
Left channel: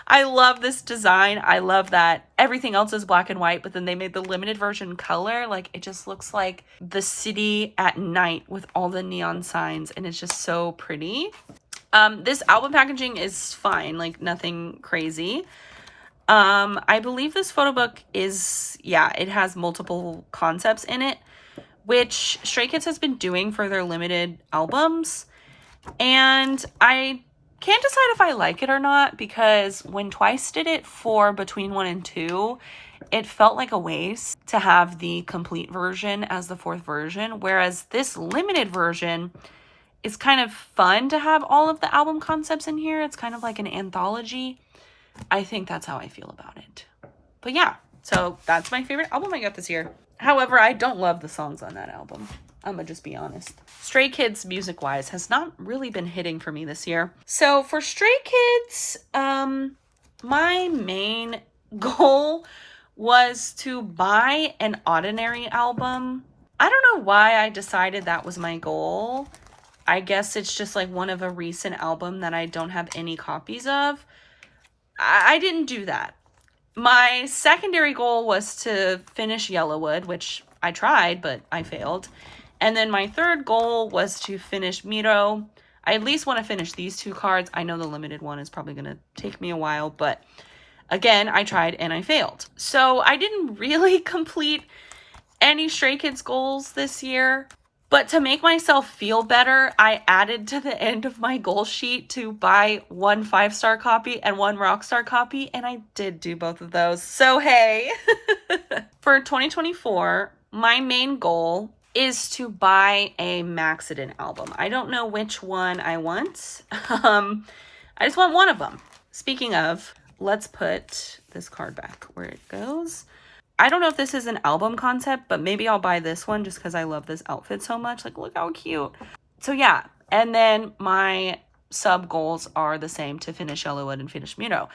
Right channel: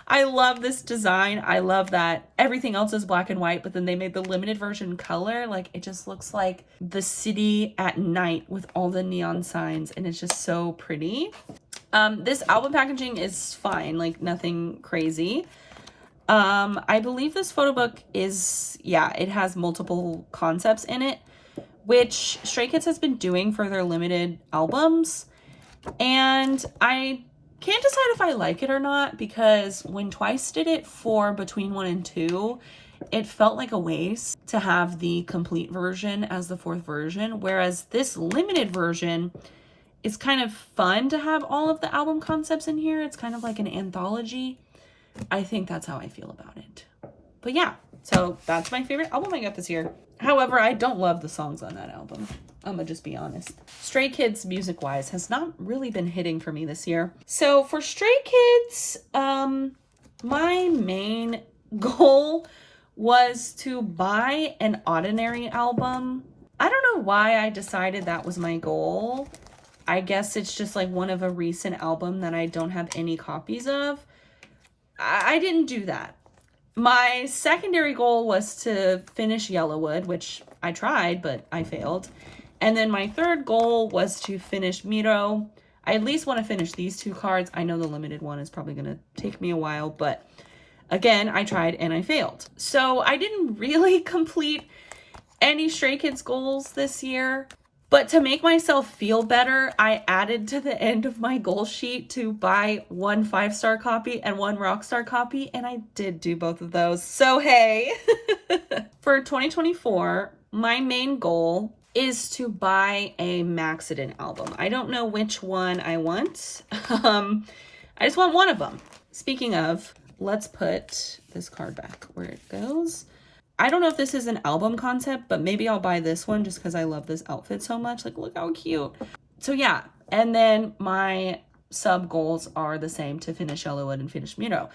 I love this design. I love that everything else is black and white, but then they made the limited version color. Like, it just looks like the city at night with all the neon signs, and it's just so pretty. This album packaging is fine, like nothing crazy. I believe this photo book is, yeah, it has multiple concepts in it, which Stray Kids has been doing for their limited albums. And I can't decide if I like it or not, because when Twice did it for Between 1 and 2, it felt like a waste to have the complete version as the 4th version, whereas this limited version is kind of fun to have all of the album concepts in here. It's kind of like an anthology. I think that's how I feel about it. But yeah, so that's my favorite album I got this year. However, I don't love the songs on that album. I'm gonna just be honest. Stray Kids, music-wise, has not really been hitting for me this year. So for Stray Kids, my main goal was to buy an Ordinary album. I don't know why I decided that was my goal. I guess it's just like one of a recent album that I don't have any copies of. I didn't do that. My secondary goal was to finish Yellowwood, which I tried, but I failed. And then my third goal was to finish Miro. I at least want to finish these 2 cards. I know the limited one is probably going to take me a while, but again, I tried and I failed. So I didn't really complete any Stray Kids goals this year. But to make myself feel better, I added to the end of my goal sheet to buy 1 5-star copy and 1 rockstar copy, and I did do both of those. So hey! For 2024, my main goal is to buy a Maxident album. I don't know which one I want. I just want one of them. Speaking of, let's put this card back where it goes. I don't know if this is an album concept, but maybe I'll buy this one just because I love this outfit so much. Like, look how cute. So yeah, and then my sub goals are the same, to finish Yellowwood and finish Miro.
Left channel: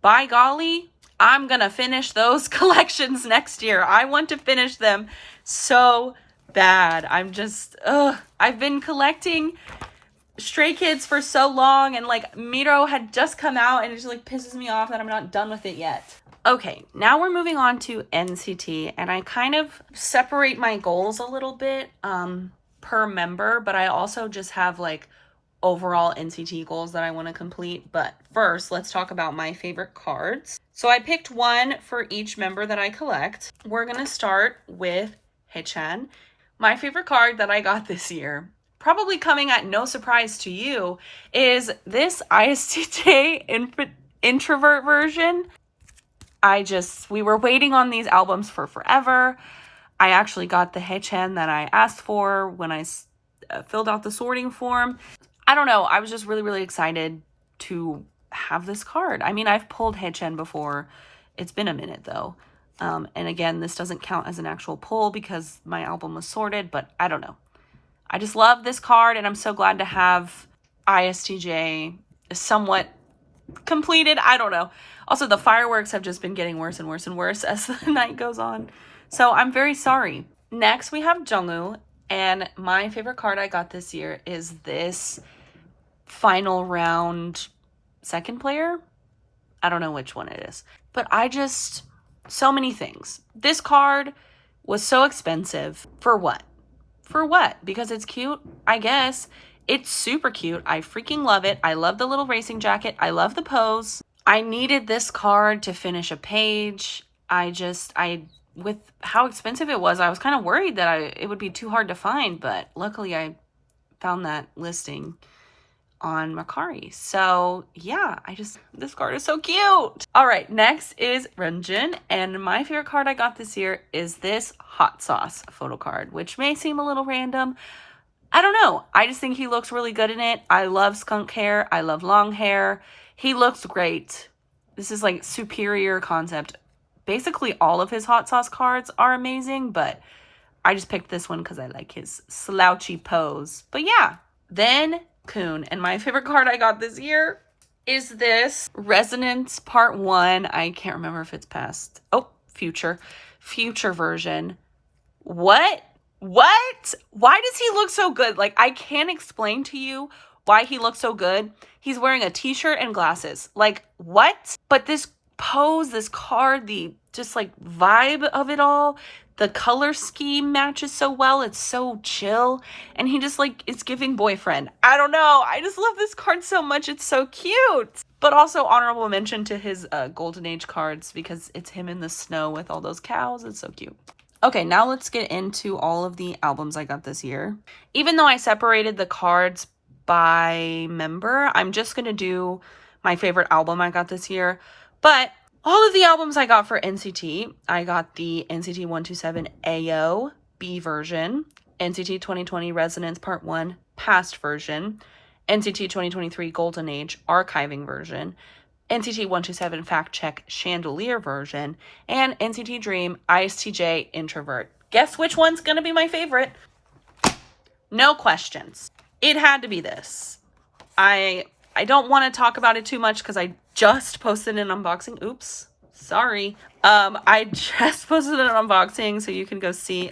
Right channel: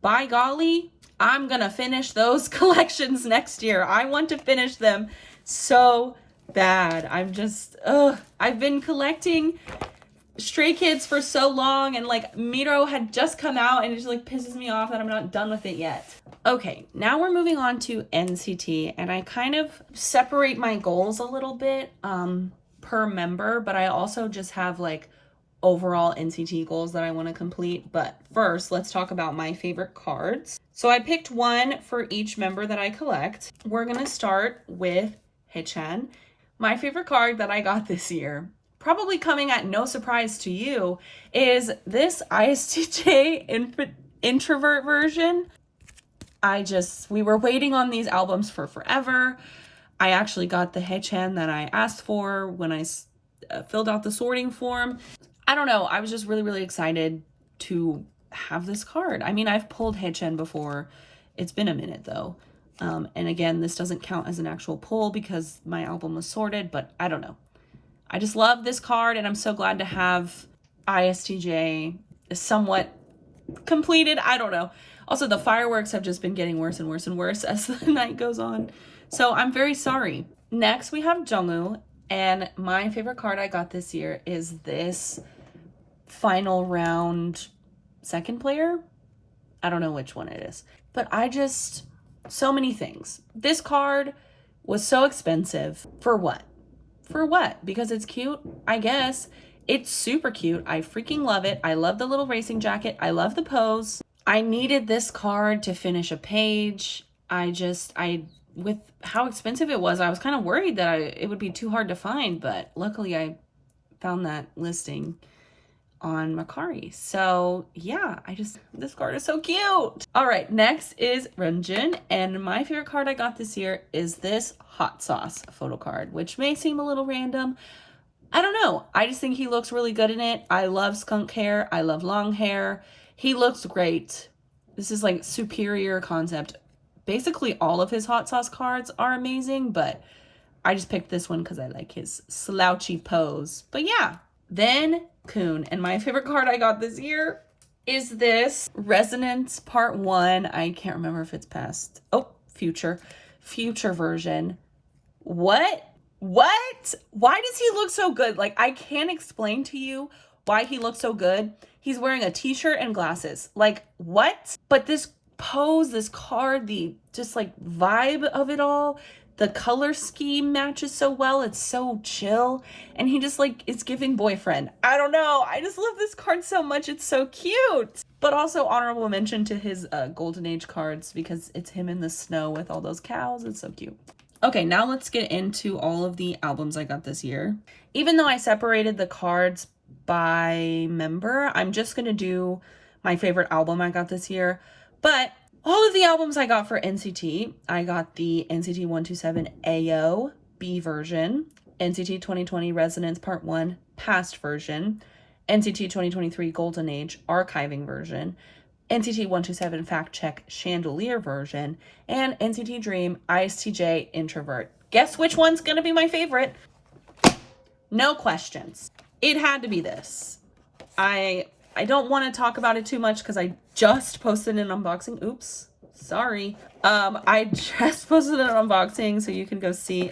By golly, I'm gonna finish those collections next year. I want to finish them so bad. I'm just, I've been collecting Stray Kids for so long, and like Miro had just come out, and it just like pisses me off that I'm not done with it yet. Okay, now we're moving on to NCT, and I kind of separate my goals a little bit per member, but I also just have like overall NCT goals that I want to complete. But first, let's talk about my favorite cards. So I picked one for each member that I collect. We're gonna start with Haechan. My favorite card that I got this year, probably coming at no surprise to you, is this ISTJ introvert version. We were waiting on these albums for forever. I actually got the Haechan that I asked for when I filled out the sorting form. I don't know, I was just really, really excited to have this card. I mean, I've pulled Haechan before. It's been a minute though. And again, this doesn't count as an actual pull because my album was sorted, but I don't know. I just love this card, and I'm so glad to have ISTJ somewhat completed. I don't know. Also, the fireworks have just been getting worse and worse and worse as the night goes on. So I'm very sorry. Next, we have Jungwoo, and my favorite card I got this year is this final round second player. I don't know which one it is, but so many things. This card was so expensive. For what? For what? Because it's cute, I guess. It's super cute. I freaking love it. I love the little racing jacket. I love the pose. I needed this card to finish a page. With how expensive it was, I was kind of worried that it would be too hard to find, but luckily I found that listing on Mercari. So yeah, this card is so cute. All right, next is Renjun, and my favorite card I got this year is this hot sauce photo card, which may seem a little random. I don't know. I just think he looks really good in it. I love skunk hair. I love long hair. He looks great. This is like superior concept. Basically, all of his hot sauce cards are amazing, but I just picked this one because I like his slouchy pose. But yeah, then Kun. And my favorite card I got this year is this Resonance Part 1. I can't remember if it's past. Oh, future version. What? Why does he look so good? Like, I can't explain to you why he looks so good. He's wearing a t-shirt and glasses. Like, what? But this pose, this card, the just like vibe of it all, the color scheme matches so well. It's so chill. And he just like is giving boyfriend. I don't know. I just love this card so much. It's so cute. But also honorable mention to his Golden Age cards because it's him in the snow with all those cows. It's so cute. Okay, now let's get into all of the albums I got this year. Even though I separated the cards by member, I'm just going to do my favorite album I got this year. But all of the albums I got for NCT, I got the NCT 127 AO B version, NCT 2020 Resonance Part 1 Past version, NCT 2023 Golden Age Archiving version, NCT 127 Fact Check Chandelier version, and NCT Dream ISTJ Introvert. Guess which one's gonna be my favorite? No questions. It had to be this. I don't want to talk about it too much because I just posted an unboxing. Oops, sorry. I just posted an unboxing so you can go see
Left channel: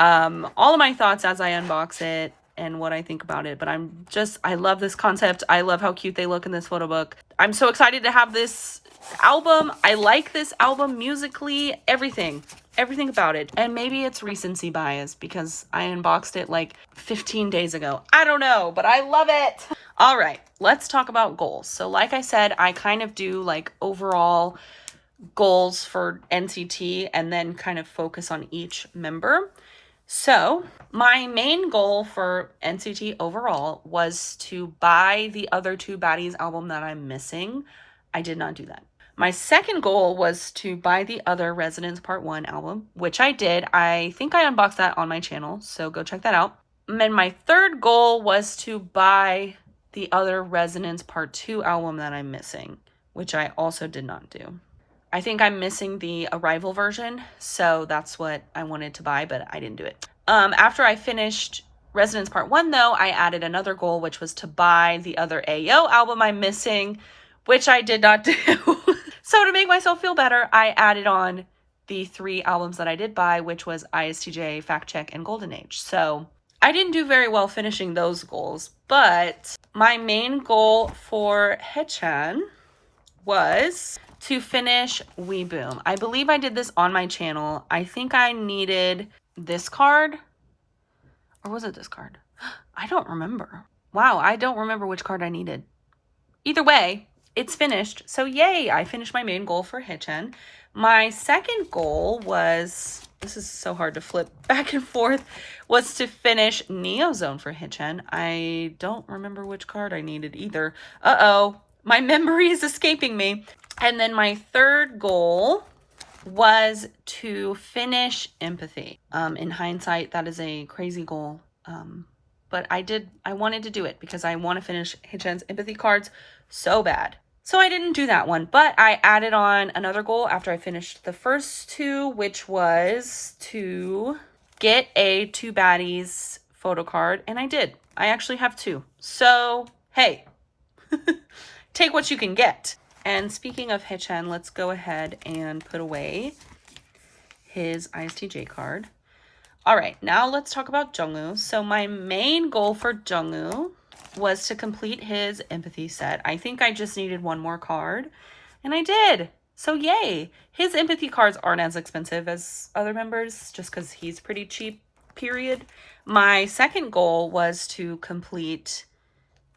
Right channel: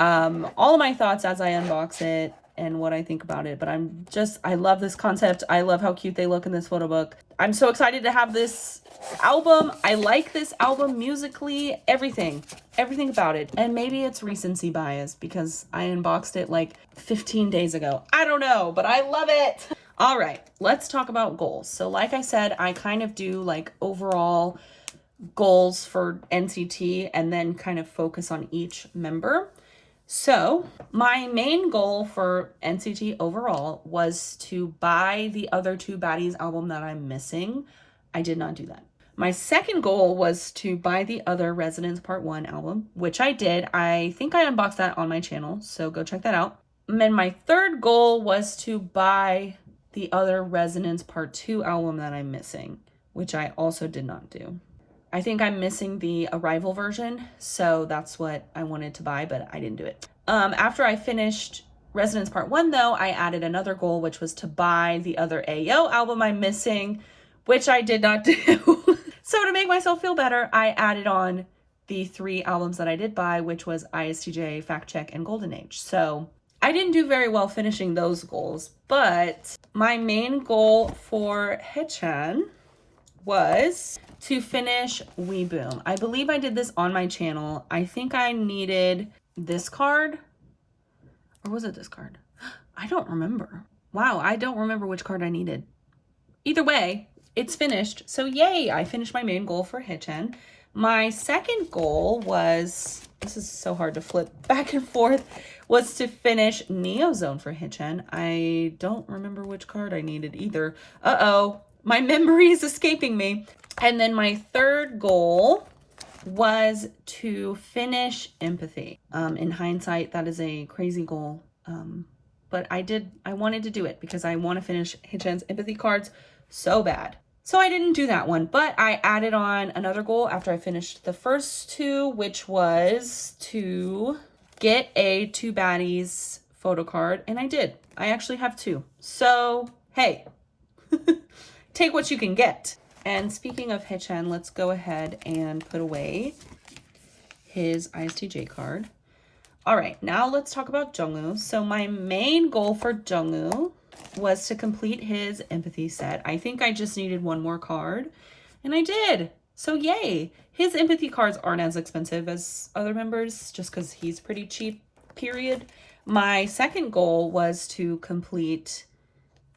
all of my thoughts as I unbox it and what I think about it. But I love this concept. I love how cute they look in this photo book. I'm so excited to have this album. I like this album musically, everything about it. And maybe it's recency bias because I unboxed it like 15 days ago. I don't know, but I love it. All right, let's talk about goals. So like I said, I kind of do like overall goals for NCT and then kind of focus on each member. So my main goal for NCT overall was to buy the other two baddies album that I'm missing. I did not do that. My second goal was to buy the other Resonance Part 1 album, which I did. I think I unboxed that on my channel, so go check that out. And then my third goal was to buy the other Resonance Part 2 album that I'm missing, which I also did not do. I think I'm missing the Arrival version, so that's what I wanted to buy, but I didn't do it. After I finished Resonance Part 1, though, I added another goal, which was to buy the other AO album I'm missing, which I did not do. So to make myself feel better, I added on the 3 albums that I did buy, which was ISTJ, Fact Check, and Golden Age. So I didn't do very well finishing those goals, but my main goal for Haechan was to finish We Boom. I believe I did this on my channel. I think I needed this card, or was it this card? I don't remember. Wow, I don't remember which card I needed. Either way, it's finished. So yay, I finished my main goal for Haechan. My second goal was, this is so hard to flip back and forth, was to finish Neozone for Haechan. I don't remember which card I needed either. Uh-oh, my memory is escaping me. And then my third goal was to finish Empathy. In hindsight, that is a crazy goal. But I wanted to do it because I want to finish Haechan's Empathy cards so bad. So I didn't do that one, but I added on another goal after I finished the first 2, which was to get a 2 baddies photo card, and I did. I actually have 2. So, hey, take what you can get. And speaking of Haechan, let's go ahead and put away his ISTJ card. All right, now let's talk about Jungwoo. So my main goal for Jungwoo was to complete his Empathy set. I think I just needed 1 more card, and I did. So yay. His Empathy cards aren't as expensive as other members just because he's pretty cheap, period. My second goal was to complete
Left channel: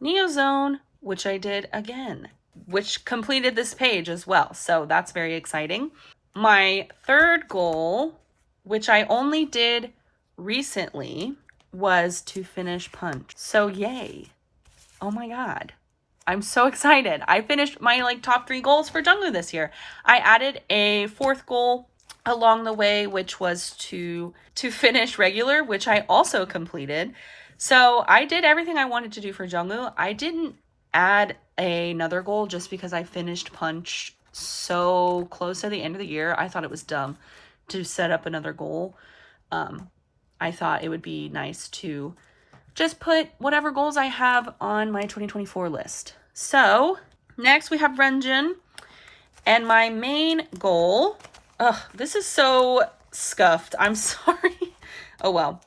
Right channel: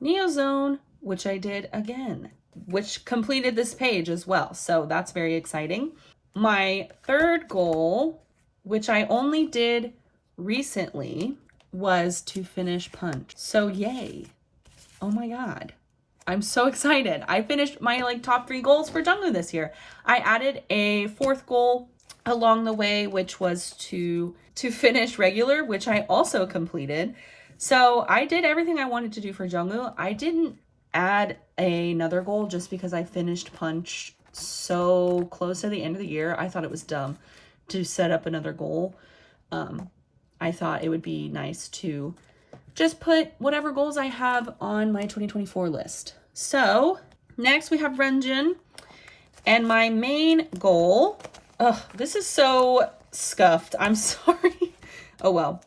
Neozone, which I did again, which completed this page as well. So that's very exciting. My third goal, which I only did recently, was to finish Punch. So yay. Oh my God. I'm so excited. I finished my top 3 goals for Jungwoo this year. I added a 4th goal along the way, which was to finish Regular, which I also completed. So I did everything I wanted to do for Jungwoo. I didn't add another goal just because I finished Punch so close to the end of the year. I thought it was dumb to set up another goal. I thought it would be nice to just put whatever goals I have on my 2024 list. So Next, we have Renjin. And my main goal, this is so scuffed. I'm sorry. Oh, well.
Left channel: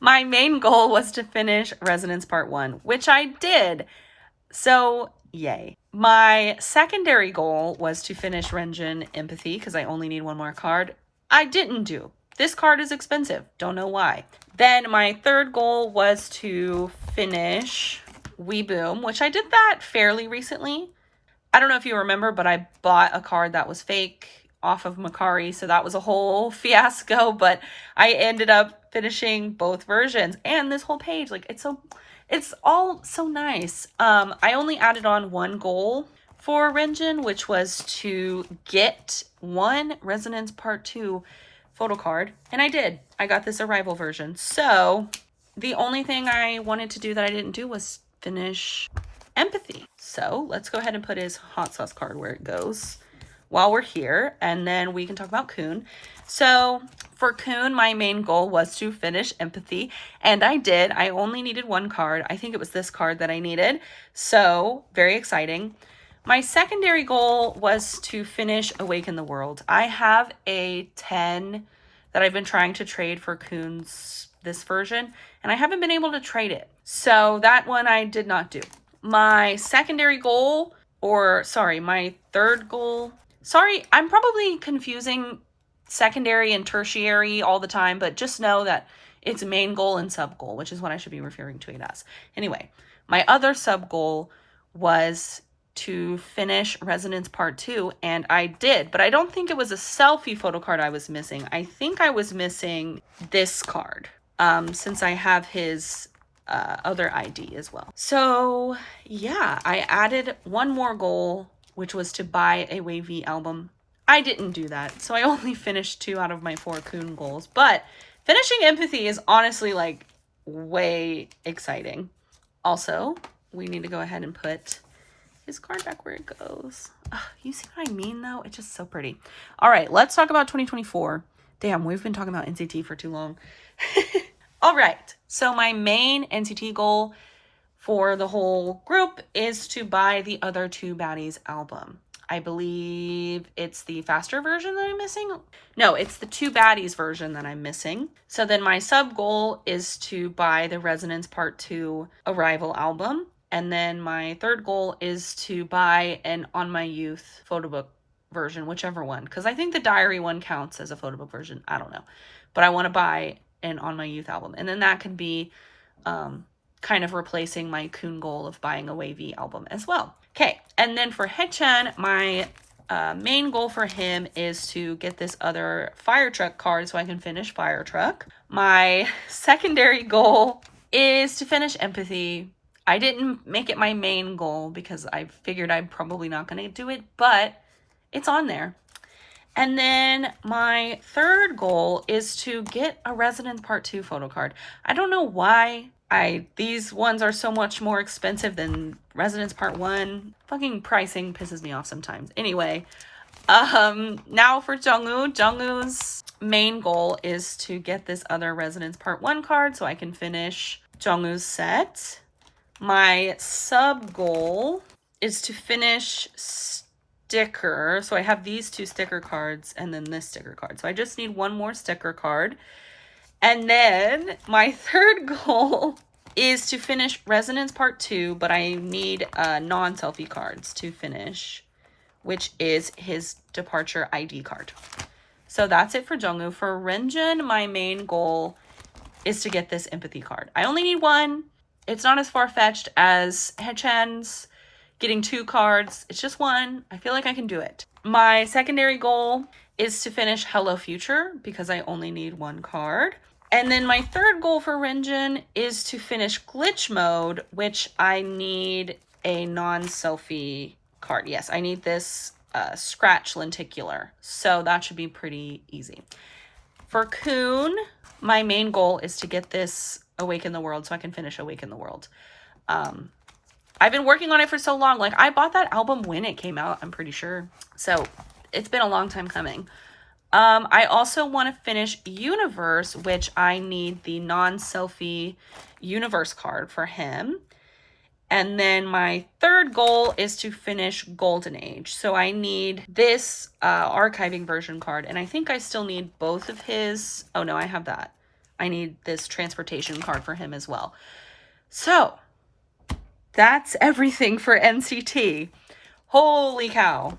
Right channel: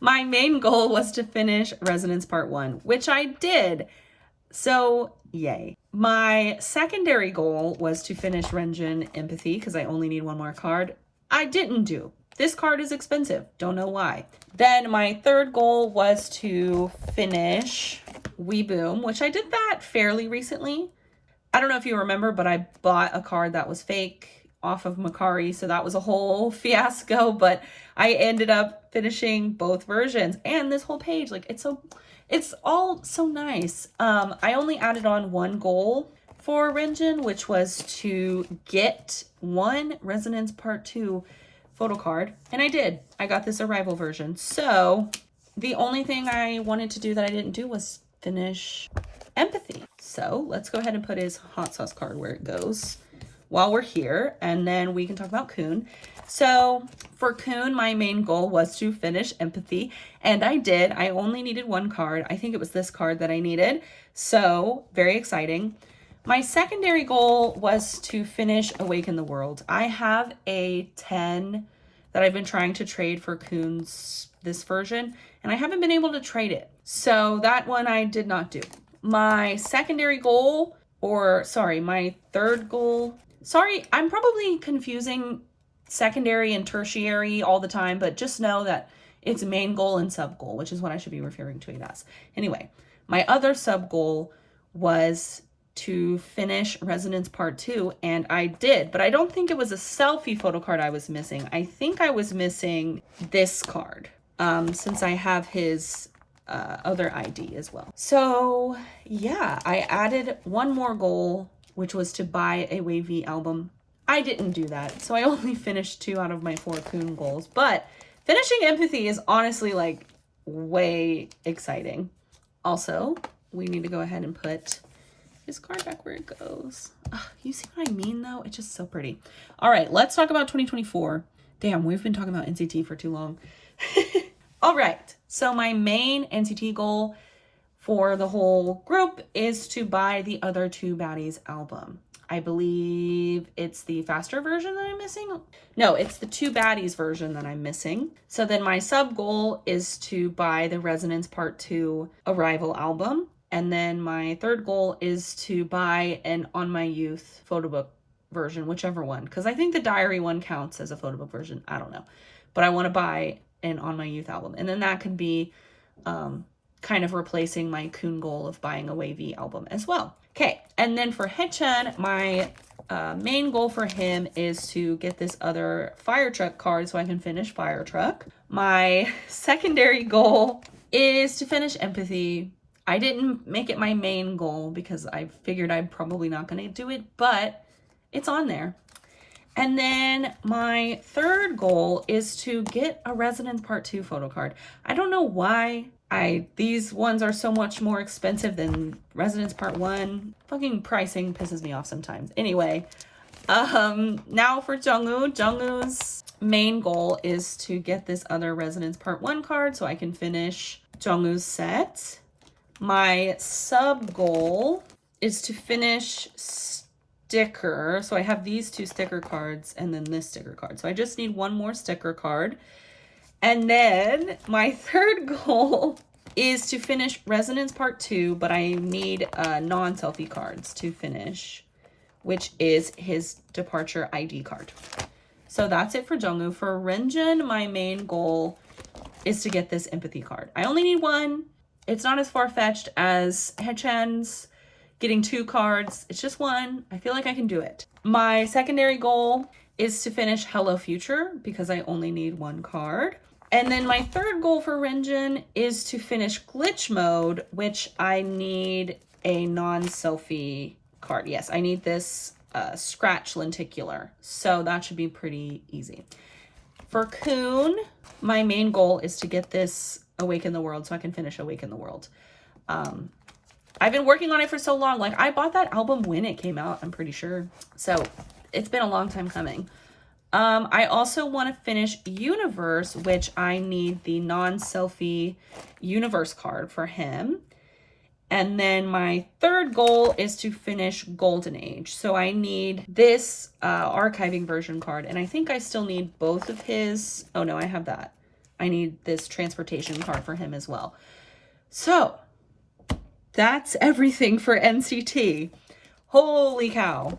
My main goal was to finish Resonance Part 1, which I did. So, yay. My secondary goal was to finish Renjin Empathy because I only need one more card. I didn't do. This card is expensive. Don't know why. Then my third goal was to finish Weeboom, which I did that fairly recently. I don't know if you remember, but I bought a card that was fake off of Macari, so that was a whole fiasco, but I ended up finishing both versions. And this whole page, like, it's all so nice. I only added on one goal for Renjin, which was to get one Resonance Part 2 photo card, and I did. I got this Arrival version. So the only thing I wanted to do that I didn't do was finish Empathy. So let's go ahead and put his hot sauce card where it goes while we're here, and then we can talk about Kun. So for Kun, my main goal was to finish Empathy, and I did. I only needed one card. I think it was this card that I needed. So very exciting. My secondary goal was to finish Awaken the World. I have a 10 that I've been trying to trade for Kun's this version, and I haven't been able to trade it. So that one I did not do. My secondary goal, my third goal. Sorry, I'm probably confusing secondary and tertiary all the time, but just know that it's main goal and sub goal, which is what I should be referring to it as. Anyway, my other sub goal was to finish Resonance Part 2, and I did, but I don't think it was a selfie photo card I was missing. I think I was missing this card, since I have his other ID as well. So yeah, I added one more goal, which was to buy a WayV album. I didn't do that, so I only finished 2 out of my 4 Kun goals, but finishing Empathy is honestly like way exciting. Also, we need to go ahead and put his card back where it goes. Ugh, you see what I mean though? It's just so pretty. All right, let's talk about 2024. Damn, we've been talking about NCT for too long. All right, so my main NCT goal for the whole group is to buy the other 2 baddies album. I believe it's the faster version that I'm missing. No, it's the 2 baddies version that I'm missing. So then my sub goal is to buy the Resonance Part 2 Arrival album. And then my third goal is to buy an On My Youth photo book version, whichever one. Because I think the diary one counts as a photo book version. I don't know. But I want to buy an On My Youth album. And then that could be kind of replacing my Kun goal of buying a WayV album as well. Okay, and then for Haechan, my main goal for him is to get this other Fire Truck card so I can finish Fire Truck. My secondary goal is to finish Empathy. I didn't make it my main goal because I figured I'm probably not going to do it, but it's on there. And then my third goal is to get a Resonance Part 2 photo card. I don't know why these ones are so much more expensive than Resonance Part 1. Fucking pricing pisses me off sometimes. Anyway, now for Jungwoo. Jungwoo's main goal is to get this other Resonance Part 1 card so I can finish Jungwoo's set. My sub goal is to finish sticker. So I have these 2 sticker cards and then this sticker card. So I just need one more sticker card. And then my third goal is to finish Resonance Part 2, but I need non-selfie cards to finish, which is his departure ID card. So that's it for Jungwoo. For Renjin, my main goal is to get this Empathy card. I only need one. It's not as far-fetched as Haechan's getting 2 cards. It's just one. I feel like I can do it. My secondary goal is to finish Hello Future because I only need 1 card. And then my third goal for Renjin is to finish Glitch Mode, which I need a non-selfie card. Yes, I need this Scratch Lenticular. So that should be pretty easy. For Kun, my main goal is to get this Awaken the World so I can finish Awaken the World. I've been working on it for so long. Like, I bought that album when it came out, I'm pretty sure. So it's been a long time coming. I also want to finish Universe, which I need the non-selfie Universe card for him. And then my third goal is to finish Golden Age. So I need this archiving version card. And I think I still need both of his. Oh no, I have that. I need this transportation card for him as well. So that's everything for NCT. Holy cow.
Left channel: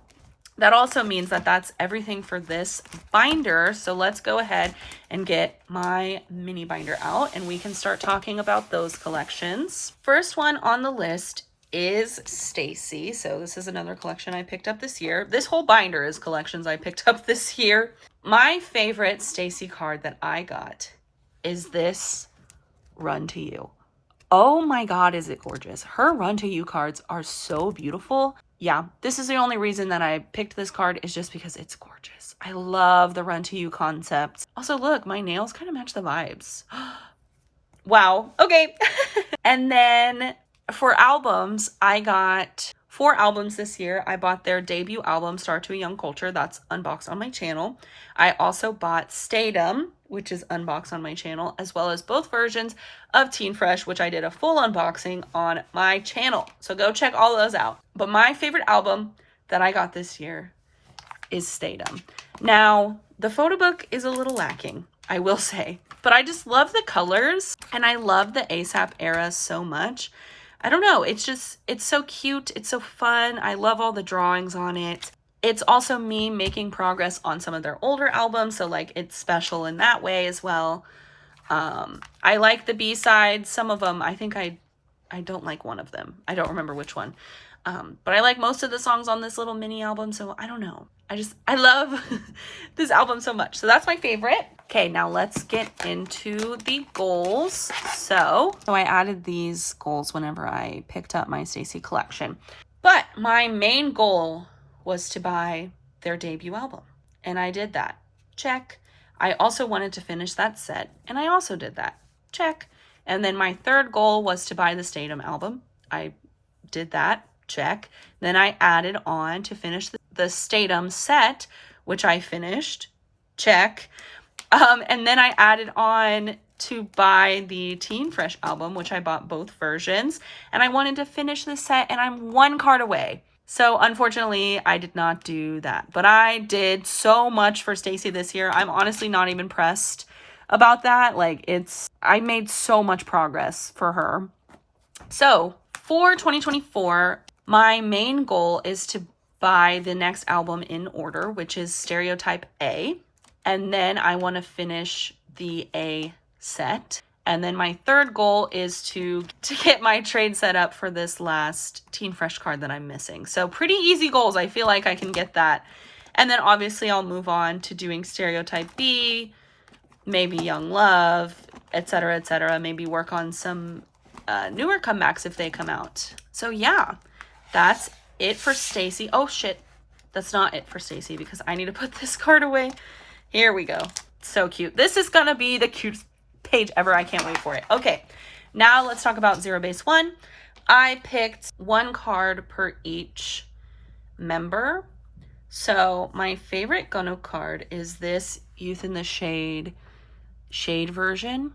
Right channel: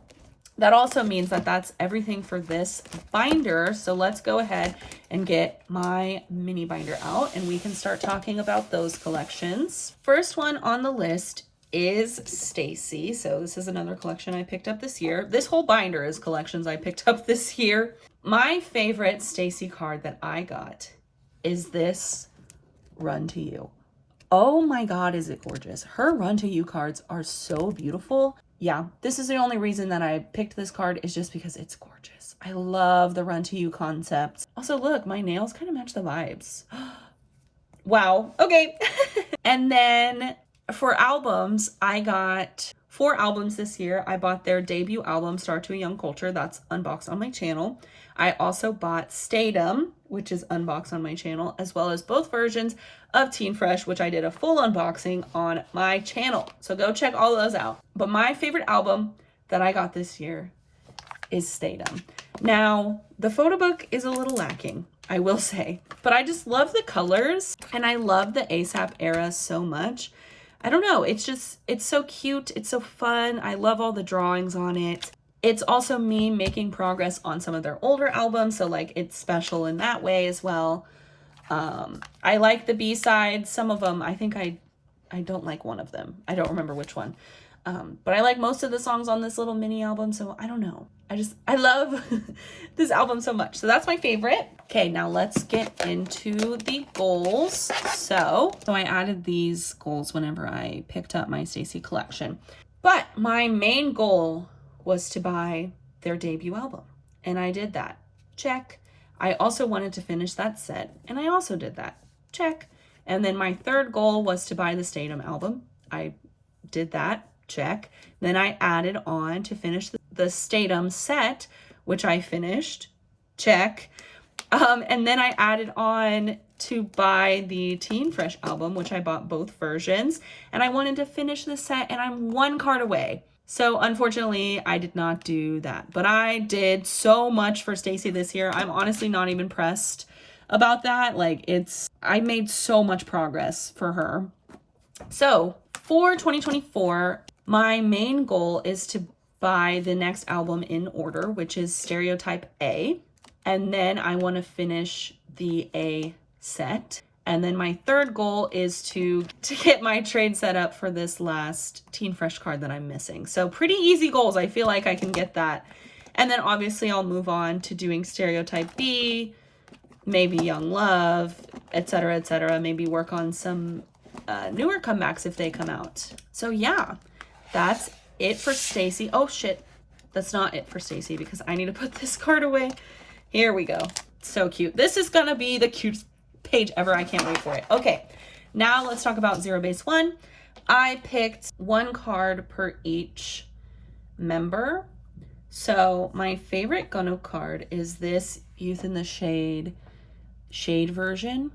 That also means that that's everything for this binder. So let's go ahead and get my mini binder out and we can start talking about those collections. First one on the list is stayc. So this is another collection I picked up this year. This whole binder is collections I picked up this year. My favorite stayc card that I got is this Run to You. Oh my God, is it gorgeous. Her Run to You cards are so beautiful. Yeah, this is the only reason that I picked this card is just because it's gorgeous. I love the Run to You concept. Also, look, my nails kind of match the vibes. Wow, okay. And then for albums, I got 4 albums this year. I bought their debut album, Start to a Young Culture. That's unboxed on my channel. I also bought Stayc, which is unboxed on my channel, as well as both versions of Teen Fresh, which I did a full unboxing on my channel. So go check all those out. But my favorite album that I got this year is Stayc. Now, the photo book is a little lacking, I will say, but I just love the colors and I love the ASAP era so much. I don't know, it's so cute, it's so fun. I love all the drawings on it. It's also me making progress on some of their older albums, so like it's special in that way as well. I like the B-sides. Some of them, I think I don't like one of them. I don't remember which one. But I like most of the songs on this little mini album, so I don't know. I love this album so much. So that's my favorite. Okay, now let's get into the goals. So I added these goals whenever I picked up my stayc collection. But my main goal was to buy their debut album. And I did that. Check. I also wanted to finish that set. And I also did that. Check. And then my third goal was to buy the Stayc album. I did that. Check. Then I added on to finish the Stayc set, which I finished. Check. And then I added on to buy the Teen Fresh album, which I bought both versions. And I wanted to finish the set, and I'm 1 card away. So unfortunately, I did not do that. But I did so much for stayc this year. I'm honestly not even pressed about that. Like, I made so much progress for her. So for 2024, my main goal is to buy the next album in order, which is Stereotype A. And then I want to finish the A set. And then my third goal is to get my trade set up for this last Teen Fresh card that I'm missing. So pretty easy goals. I feel like I can get that. And then obviously I'll move on to doing Stereotype B, maybe Young Love, etc., etc. Maybe work on some newer comebacks if they come out. So yeah, that's it for stayc. Oh shit, that's not it for stayc because I need to put this card away. Here we go. So cute. This is gonna be the cutest page ever. I can't wait for it. Okay, now let's talk about Zero Base 1. I picked 1 card per each member. So my favorite Gunno card is this Youth in the Shade version.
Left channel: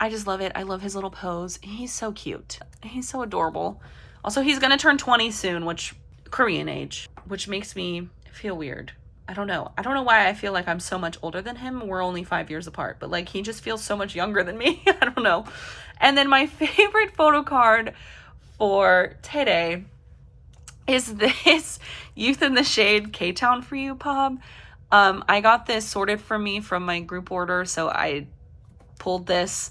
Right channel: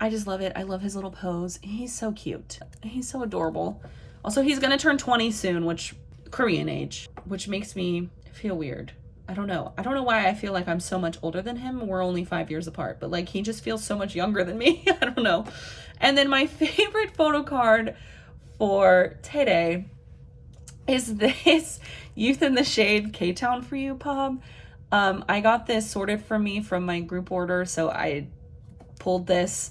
I just love it. I love his little pose. He's so cute. He's so adorable. Also, he's gonna turn 20 soon, which Korean age, which makes me feel weird. I don't know why I feel like I'm so much older than him. We're only 5 years apart, but like he just feels so much younger than me. I don't know. And then my favorite photo card for today is this Youth in the Shade K-Town For You pub. I got this sorted for me from my group order, so I pulled this.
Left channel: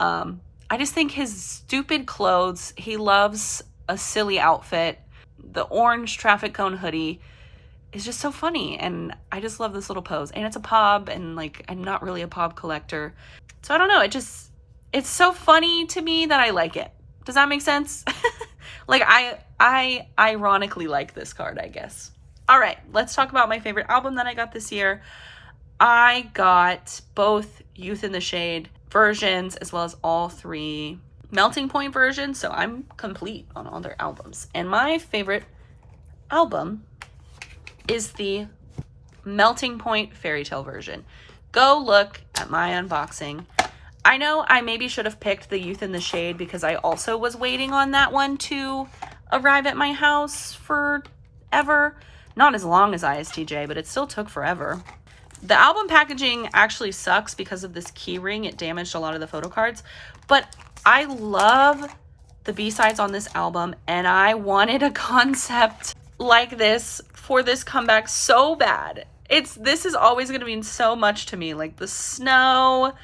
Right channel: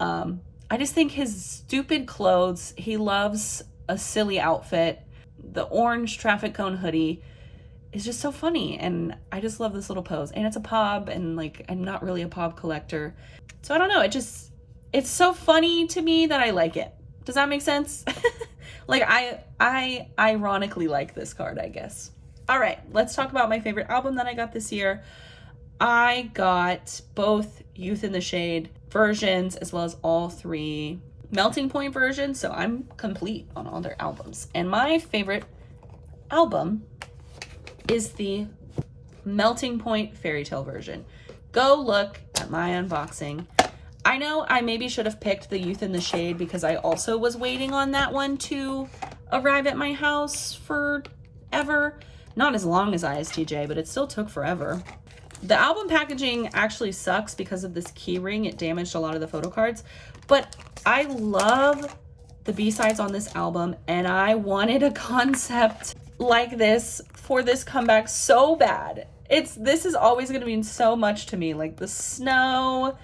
I just think his stupid clothes, he loves a silly outfit. The orange traffic cone hoodie is just so funny, and I just love this little pose. And it's a pub, and like I'm not really a pub collector, so I don't know, it's so funny to me that I like it. Does that make sense? Like I ironically like this card, I guess. All right, let's talk about my favorite album that I got this year. I got both Youth in the Shade versions as well as all 3 Melting Point versions, so I'm complete on all their albums. And my favorite album is the Melting Point Fairy Tale version. Go look at my unboxing. I know I maybe should have picked the Youth in the Shade because I also was waiting on that one to arrive at my house forever. Not as long as ISTJ, but it still took forever. The album packaging actually sucks because of this key ring. It damaged a lot of the photo cards, but I love the B-sides on this album, and I wanted a concept like this for this comeback so bad. This is always going to mean so much to me, like the snow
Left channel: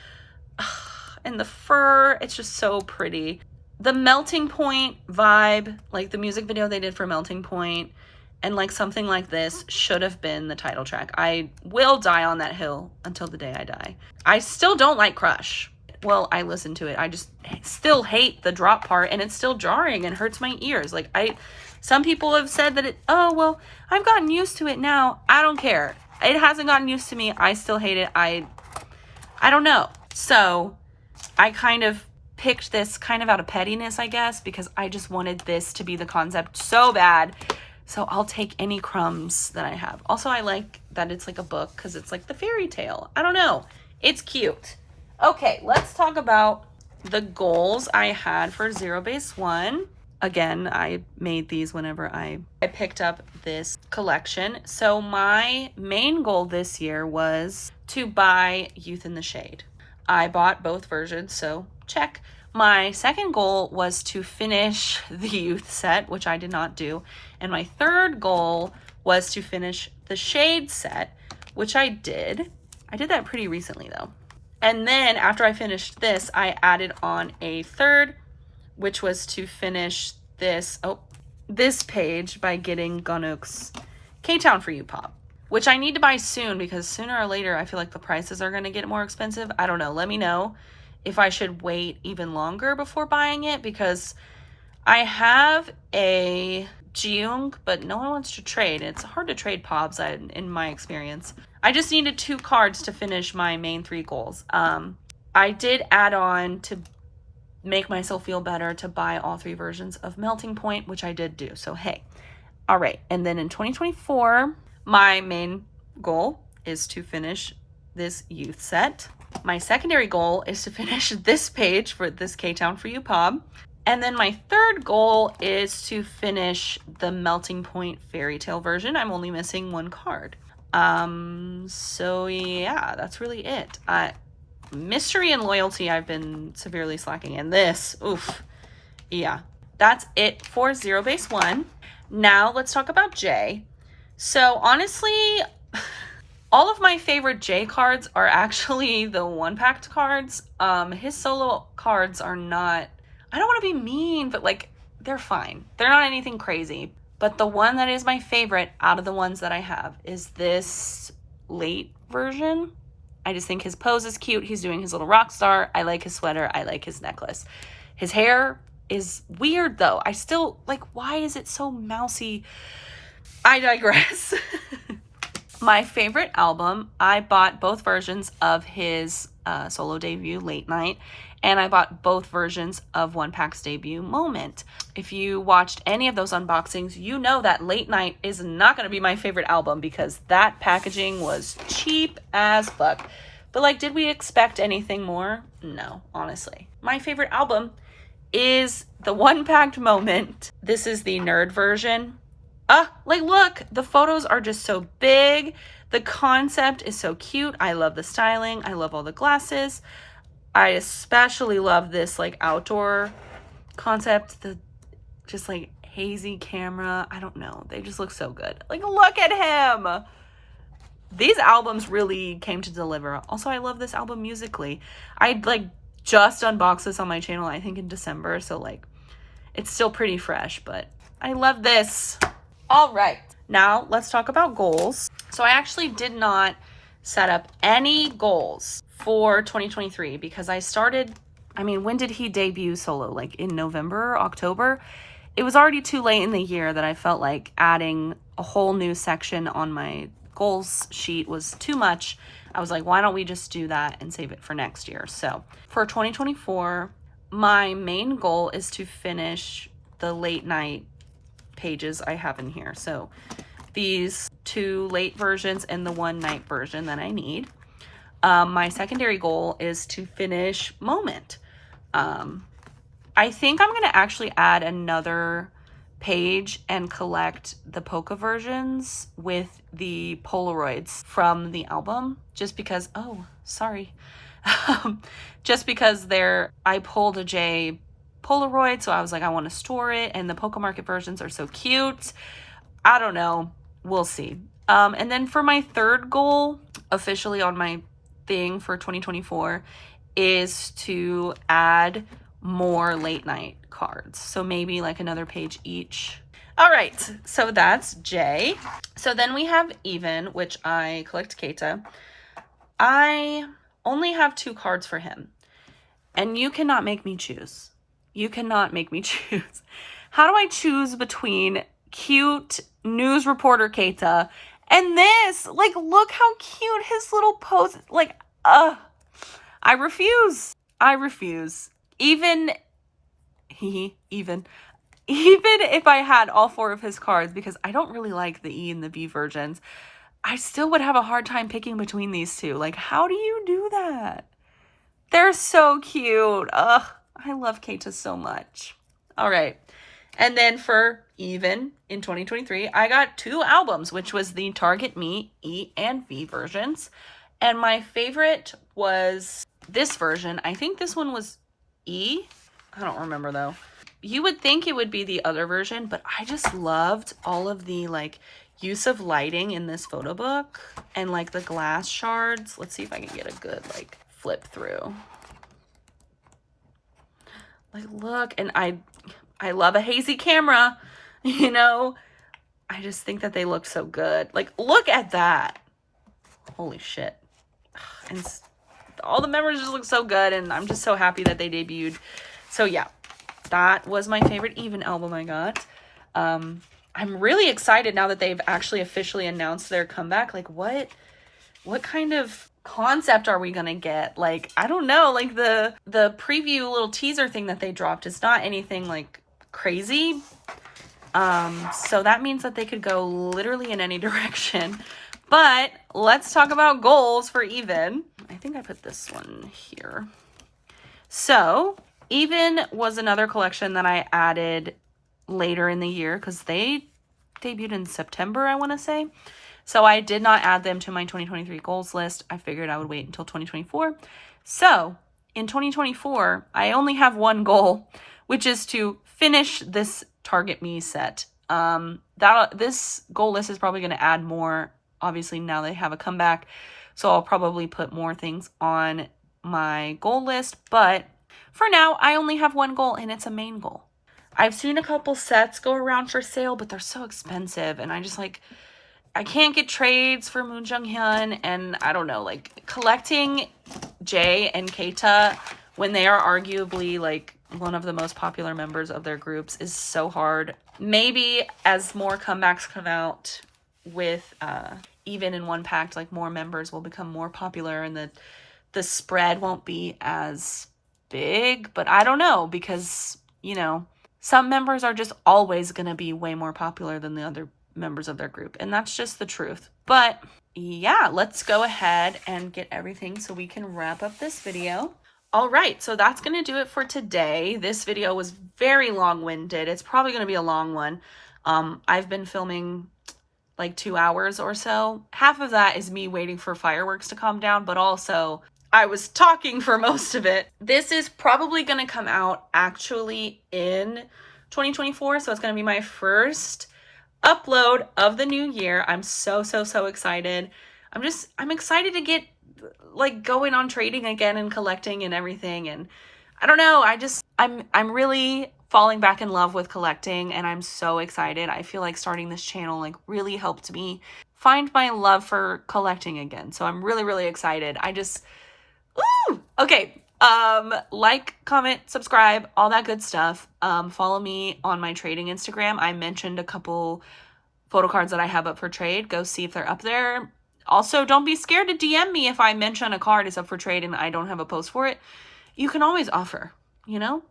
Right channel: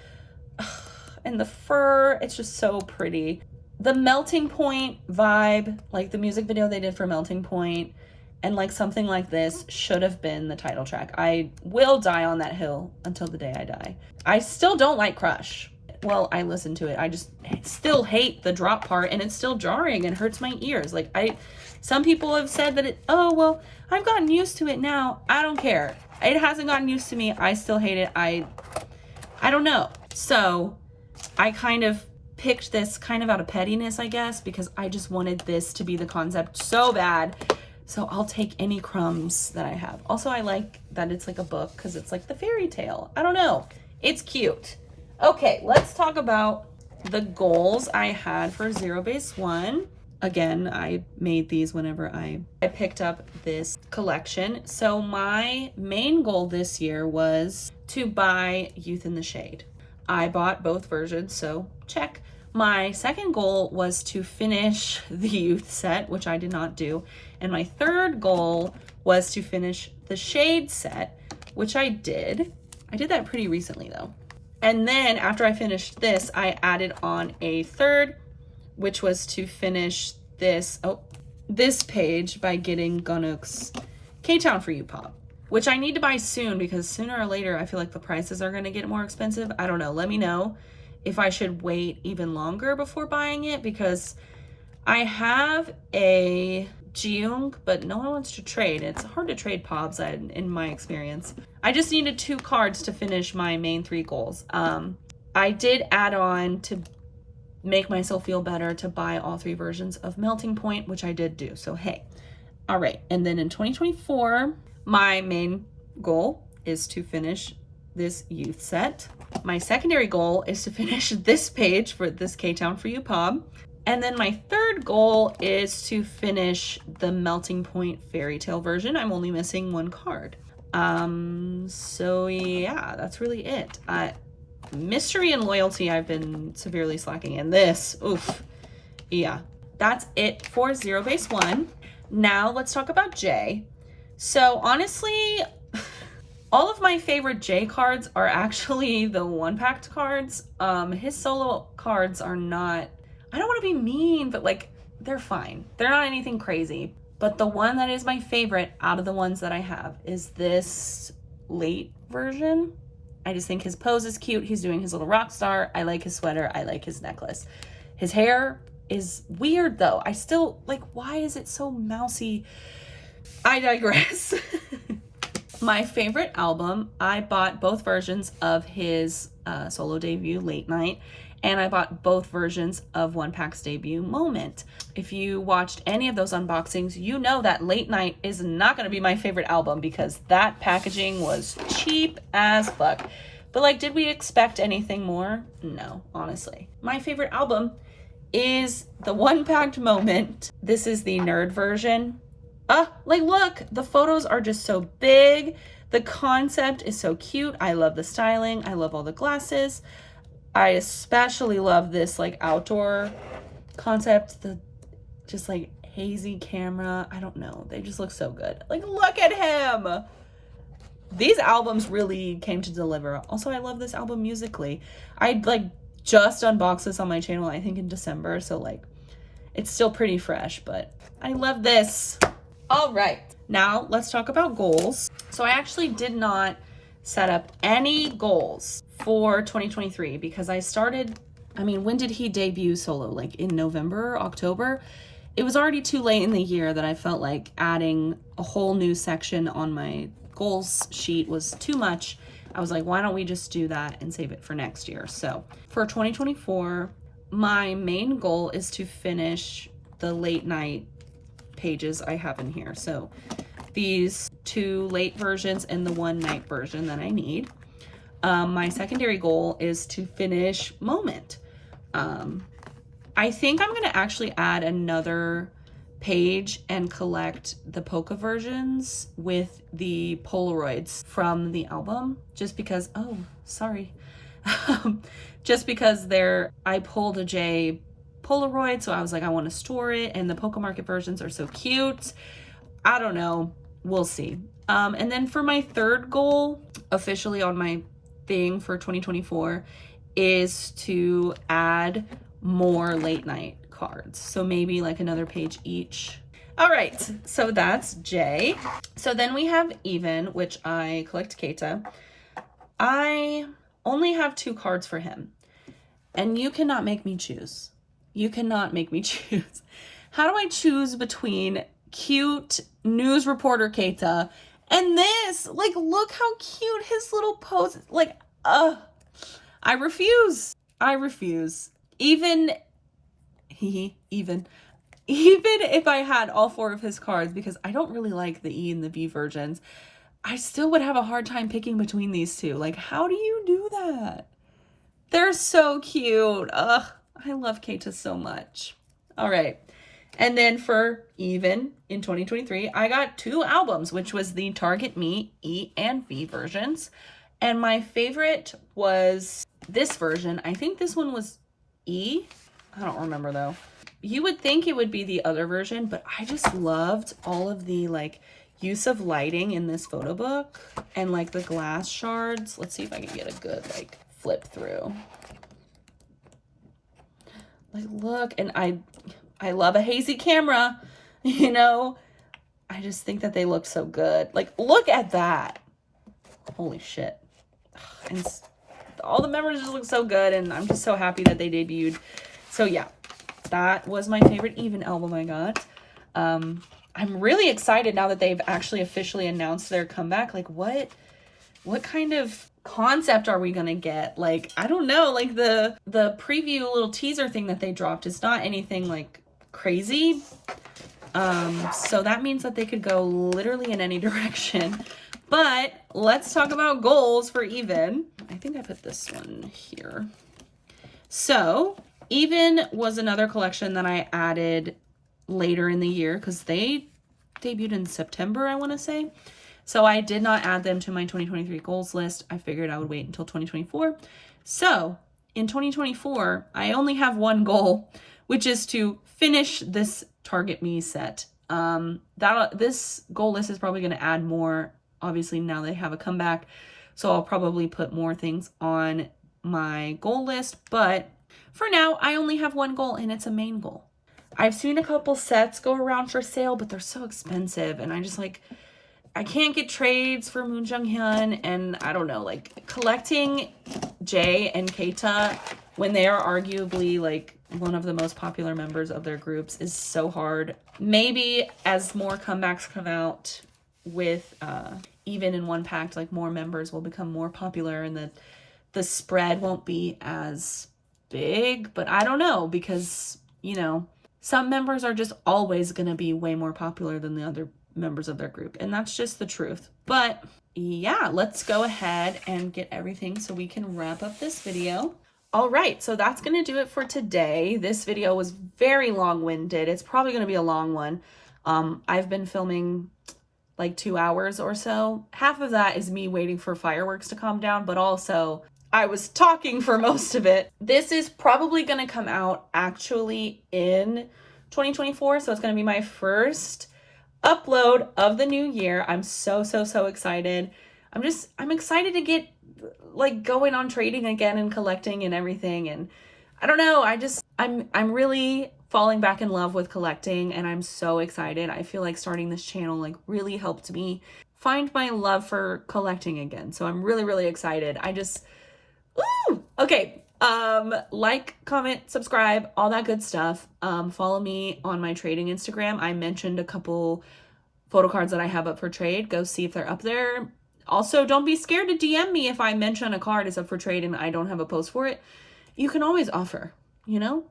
and the fur. It's just so pretty. The Melting Point vibe, like the music video they did for Melting Point, and like something like this should have been the title track. I will die on that hill until the day I die. I still don't like Crush. Well, I listen to it. I just still hate the drop part, and it's still jarring and hurts my ears. Like some people have said that oh, well, I've gotten used to it now. I don't care. It hasn't gotten used to me. I still hate it. I don't know. So I kind of picked this kind of out of pettiness, I guess, because I just wanted this to be the concept so bad. So I'll take any crumbs that I have. Also, I like that it's like a book because it's like the fairy tale. I don't know. It's cute. Okay, let's talk about the goals I had for Zero Base 1. Again, I made these whenever I picked up this collection. So my main goal this year was to buy Youth in the Shade. I bought both versions, so check. My second goal was to finish the Youth set, which I did not do. And my third goal was to finish the Shade set, which I did. I did that pretty recently though. And then after I finished this, I added on a third, which was to finish this page by getting Gunnook's K-Town For You pop, which I need to buy soon because sooner or later I feel like the prices are going to get more expensive. I don't know. Let me know if I should wait even longer before buying it because I have a Jung, but no one wants to trade. It's hard to trade pops in my experience. I just needed 2 cards to finish my main 3 goals. I did add on to make myself feel better to buy all 3 versions of Melting Point, which I did do. So, hey. All right. And then in 2024, my main goal is to finish this Youth set. My secondary goal is to finish this page for this K-Town For You pop. And then my third goal is to finish the Melting Point fairy tale version. I'm only missing 1 card. So yeah, that's really it. Mystery and Loyalty, I've been severely slacking in this. Oof. Yeah, that's it for Zero Base 1. Now let's talk about J. So honestly, all of my favorite J cards are actually the one-packed cards. His solo cards are not, I don't want to be mean, but like, they're fine. They're not anything crazy. But the one that is my favorite out of the ones that I have is this late version. I just think his pose is cute. He's doing his little rock star. I like his sweater. I like his necklace. His hair is weird though. I still, like, why is it so mousy? I digress. My favorite album, I bought both versions of his solo debut, Late Night, and I bought both versions of One Pack's debut, Moment. If you watched any of those unboxings, you know that Late Night is not going to be my favorite album because that packaging was cheap as fuck. But like, did we expect anything more? No, honestly. My favorite album is the One Packed Moment. This is the nerd version. Like, look, the photos are just so big. The concept is so cute. I love the styling. I love all the glasses. I especially love this like outdoor concept, the just like hazy camera. I don't know. They just look so good. Like, look at him. These albums really came to deliver. Also, I love this album musically. I like just unboxed this on my channel, I think in December. So like, it's still pretty fresh, but I love this. All right, now let's talk about goals. So I actually did not set up any goals for 2023 because I started, I mean, when did he debut solo? Like in November, October? It was already too late in the year that I felt like adding a whole new section on my goals sheet was too much. I was like, why don't we just do that and save it for next year? So for 2024, my main goal is to finish the Late Night pages I have in here. So these 2 late versions and the 1 night version that I need. my secondary goal is to finish Moment. I think I'm going to actually add another page and collect the polka versions with the Polaroids from the album, just because, oh, sorry. Just because I pulled a J Polaroid, so I was like, I want to store it, and the Polka Market versions are so cute. I don't know. We'll see. And then for my third goal, officially on my thing for 2024, is to add more late night cards. So maybe like another page each. All right, so that's J. So then we have Even, which I collect Keita. I only have 2 cards for him, and you cannot make me choose. You cannot make me choose. How do I choose between cute news reporter Keita and this? Like, look how cute his little pose. Like, I refuse. I refuse. Even if I had all 4 of his cards, because I don't really like the E and the V versions, I still would have a hard time picking between these 2. Like, how do you do that? They're so cute. Ugh, I love Keita so much. All right. And then for Even in 2023, I got 2 albums, which was the Target Me E and V versions. And my favorite was this version. I think this one was E. I don't remember though. You would think it would be the other version, but I just loved all of the like use of lighting in this photo book and like the glass shards. Let's see if I can get a good like flip through. Like, look, and I love a hazy camera, you know. I just think that they look so good. Like, look at that. Holy shit. And all the members just look so good, and I'm just so happy that they debuted. So yeah, that was my favorite Even album I got. I'm really excited now that they've actually officially announced their comeback. Like, what kind of concept are we gonna get? Like, I don't know. Like, the preview little teaser thing that they dropped is not anything like crazy. So that means that they could go literally in any direction. But let's talk about goals for Even. I think I put this one here. So Even was another collection that I added later in the year because they debuted in September, I want to say. So I did not add them to my 2023 goals list. I figured I would wait until 2024. So in 2024, I only have one goal, which is to finish this Target Me set. This goal list is probably going to add more. Obviously, now they have a comeback, so I'll probably put more things on my goal list. But for now, I only have one goal, and it's a main goal. I've seen a couple sets go around for sale, but they're so expensive, and I just like, I can't get trades for Moon Jung-hyun, and I don't know, like collecting Jae and Keita when they are arguably like one of the most popular members of their groups is so hard. Maybe as more comebacks come out with Even in one pack, like more members will become more popular and the spread won't be as big. But I don't know, because, you know, some members are just always going to be way more popular than the other members of their group, and that's just the truth. But yeah, let's go ahead and get everything so we can wrap up this video. All right, so that's going to do it for today. This video was very long-winded. It's probably going to be a long one. I've been filming like 2 hours or so. Half of that is me waiting for fireworks to calm down, but also I was talking for most of it. This is probably going to come out actually in 2024, so it's going to be my first upload of the new year. I'm so excited. I'm excited to get like going on trading again and collecting and everything. And I don't know, I'm really falling back in love with collecting, and I'm so excited. I feel like starting this channel like really helped me find my love for collecting again. So I'm really excited. Woo! Okay. Like, comment, subscribe, all that good stuff. Follow me on my trading Instagram. I mentioned a couple photo cards that I have up for trade. Go see if they're up there. Also, don't be scared to DM me if I mention a card is up for trade and I don't have a post for it. You can always offer, you know?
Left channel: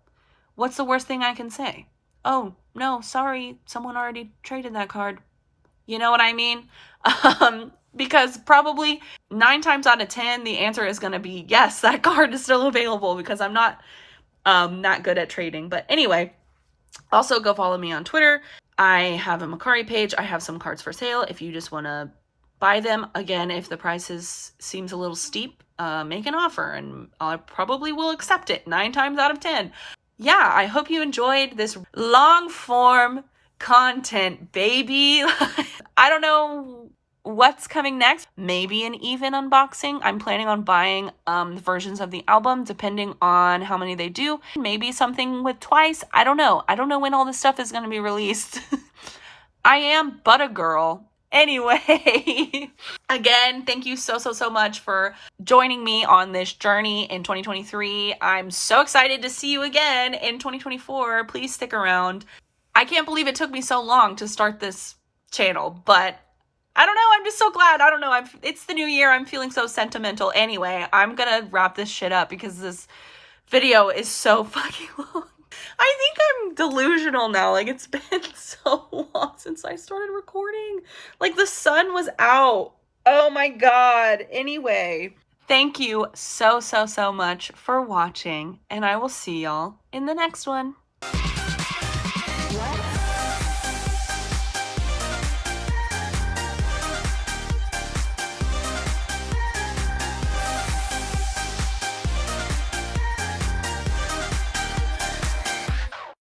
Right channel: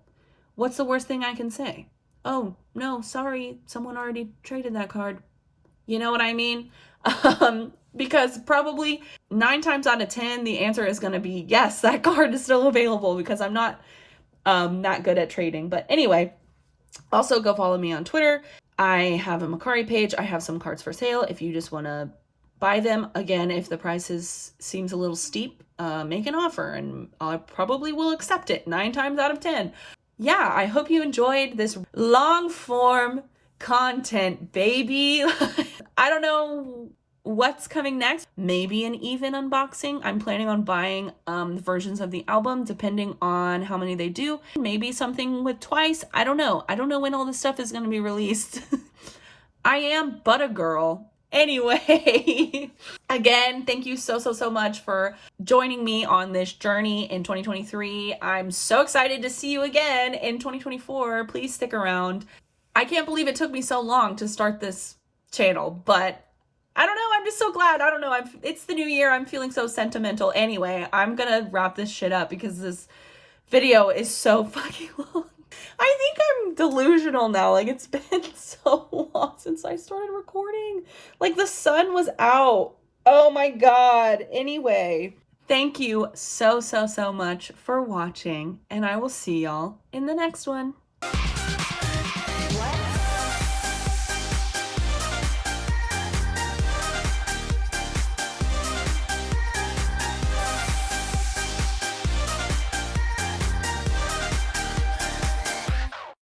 What's the worst thing I can say? Oh, no, sorry, someone already traded that card. You know what I mean? because probably 9 times out of 10, the answer is going to be yes, that card is still available because I'm not that good at trading. But anyway, also go follow me on Twitter. I have a Mercari page. I have some cards for sale if you just want to buy them. Again, if the prices seems a little steep, make an offer and I probably will accept it 9 times out of 10. Yeah, I hope you enjoyed this long form content, baby. I don't know what's coming next. Maybe an even unboxing. I'm planning on buying versions of the album depending on how many they do. Maybe something with twice. I don't know. I don't know when all this stuff is going to be released. I am but a girl. Anyway, again, thank you so much for joining me on this journey in 2023. I'm so excited to see you again in 2024. Please stick around. I can't believe it took me so long to start this channel, but I don't know. I'm just so glad. I don't know. It's the new year. I'm feeling so sentimental. Anyway, I'm gonna wrap this shit up because this video is so fucking long. I think I'm delusional now. Like, it's been so long since I started recording. Like, the sun was out. Oh my God. Anyway, thank you so much for watching, and I will see y'all in the next one.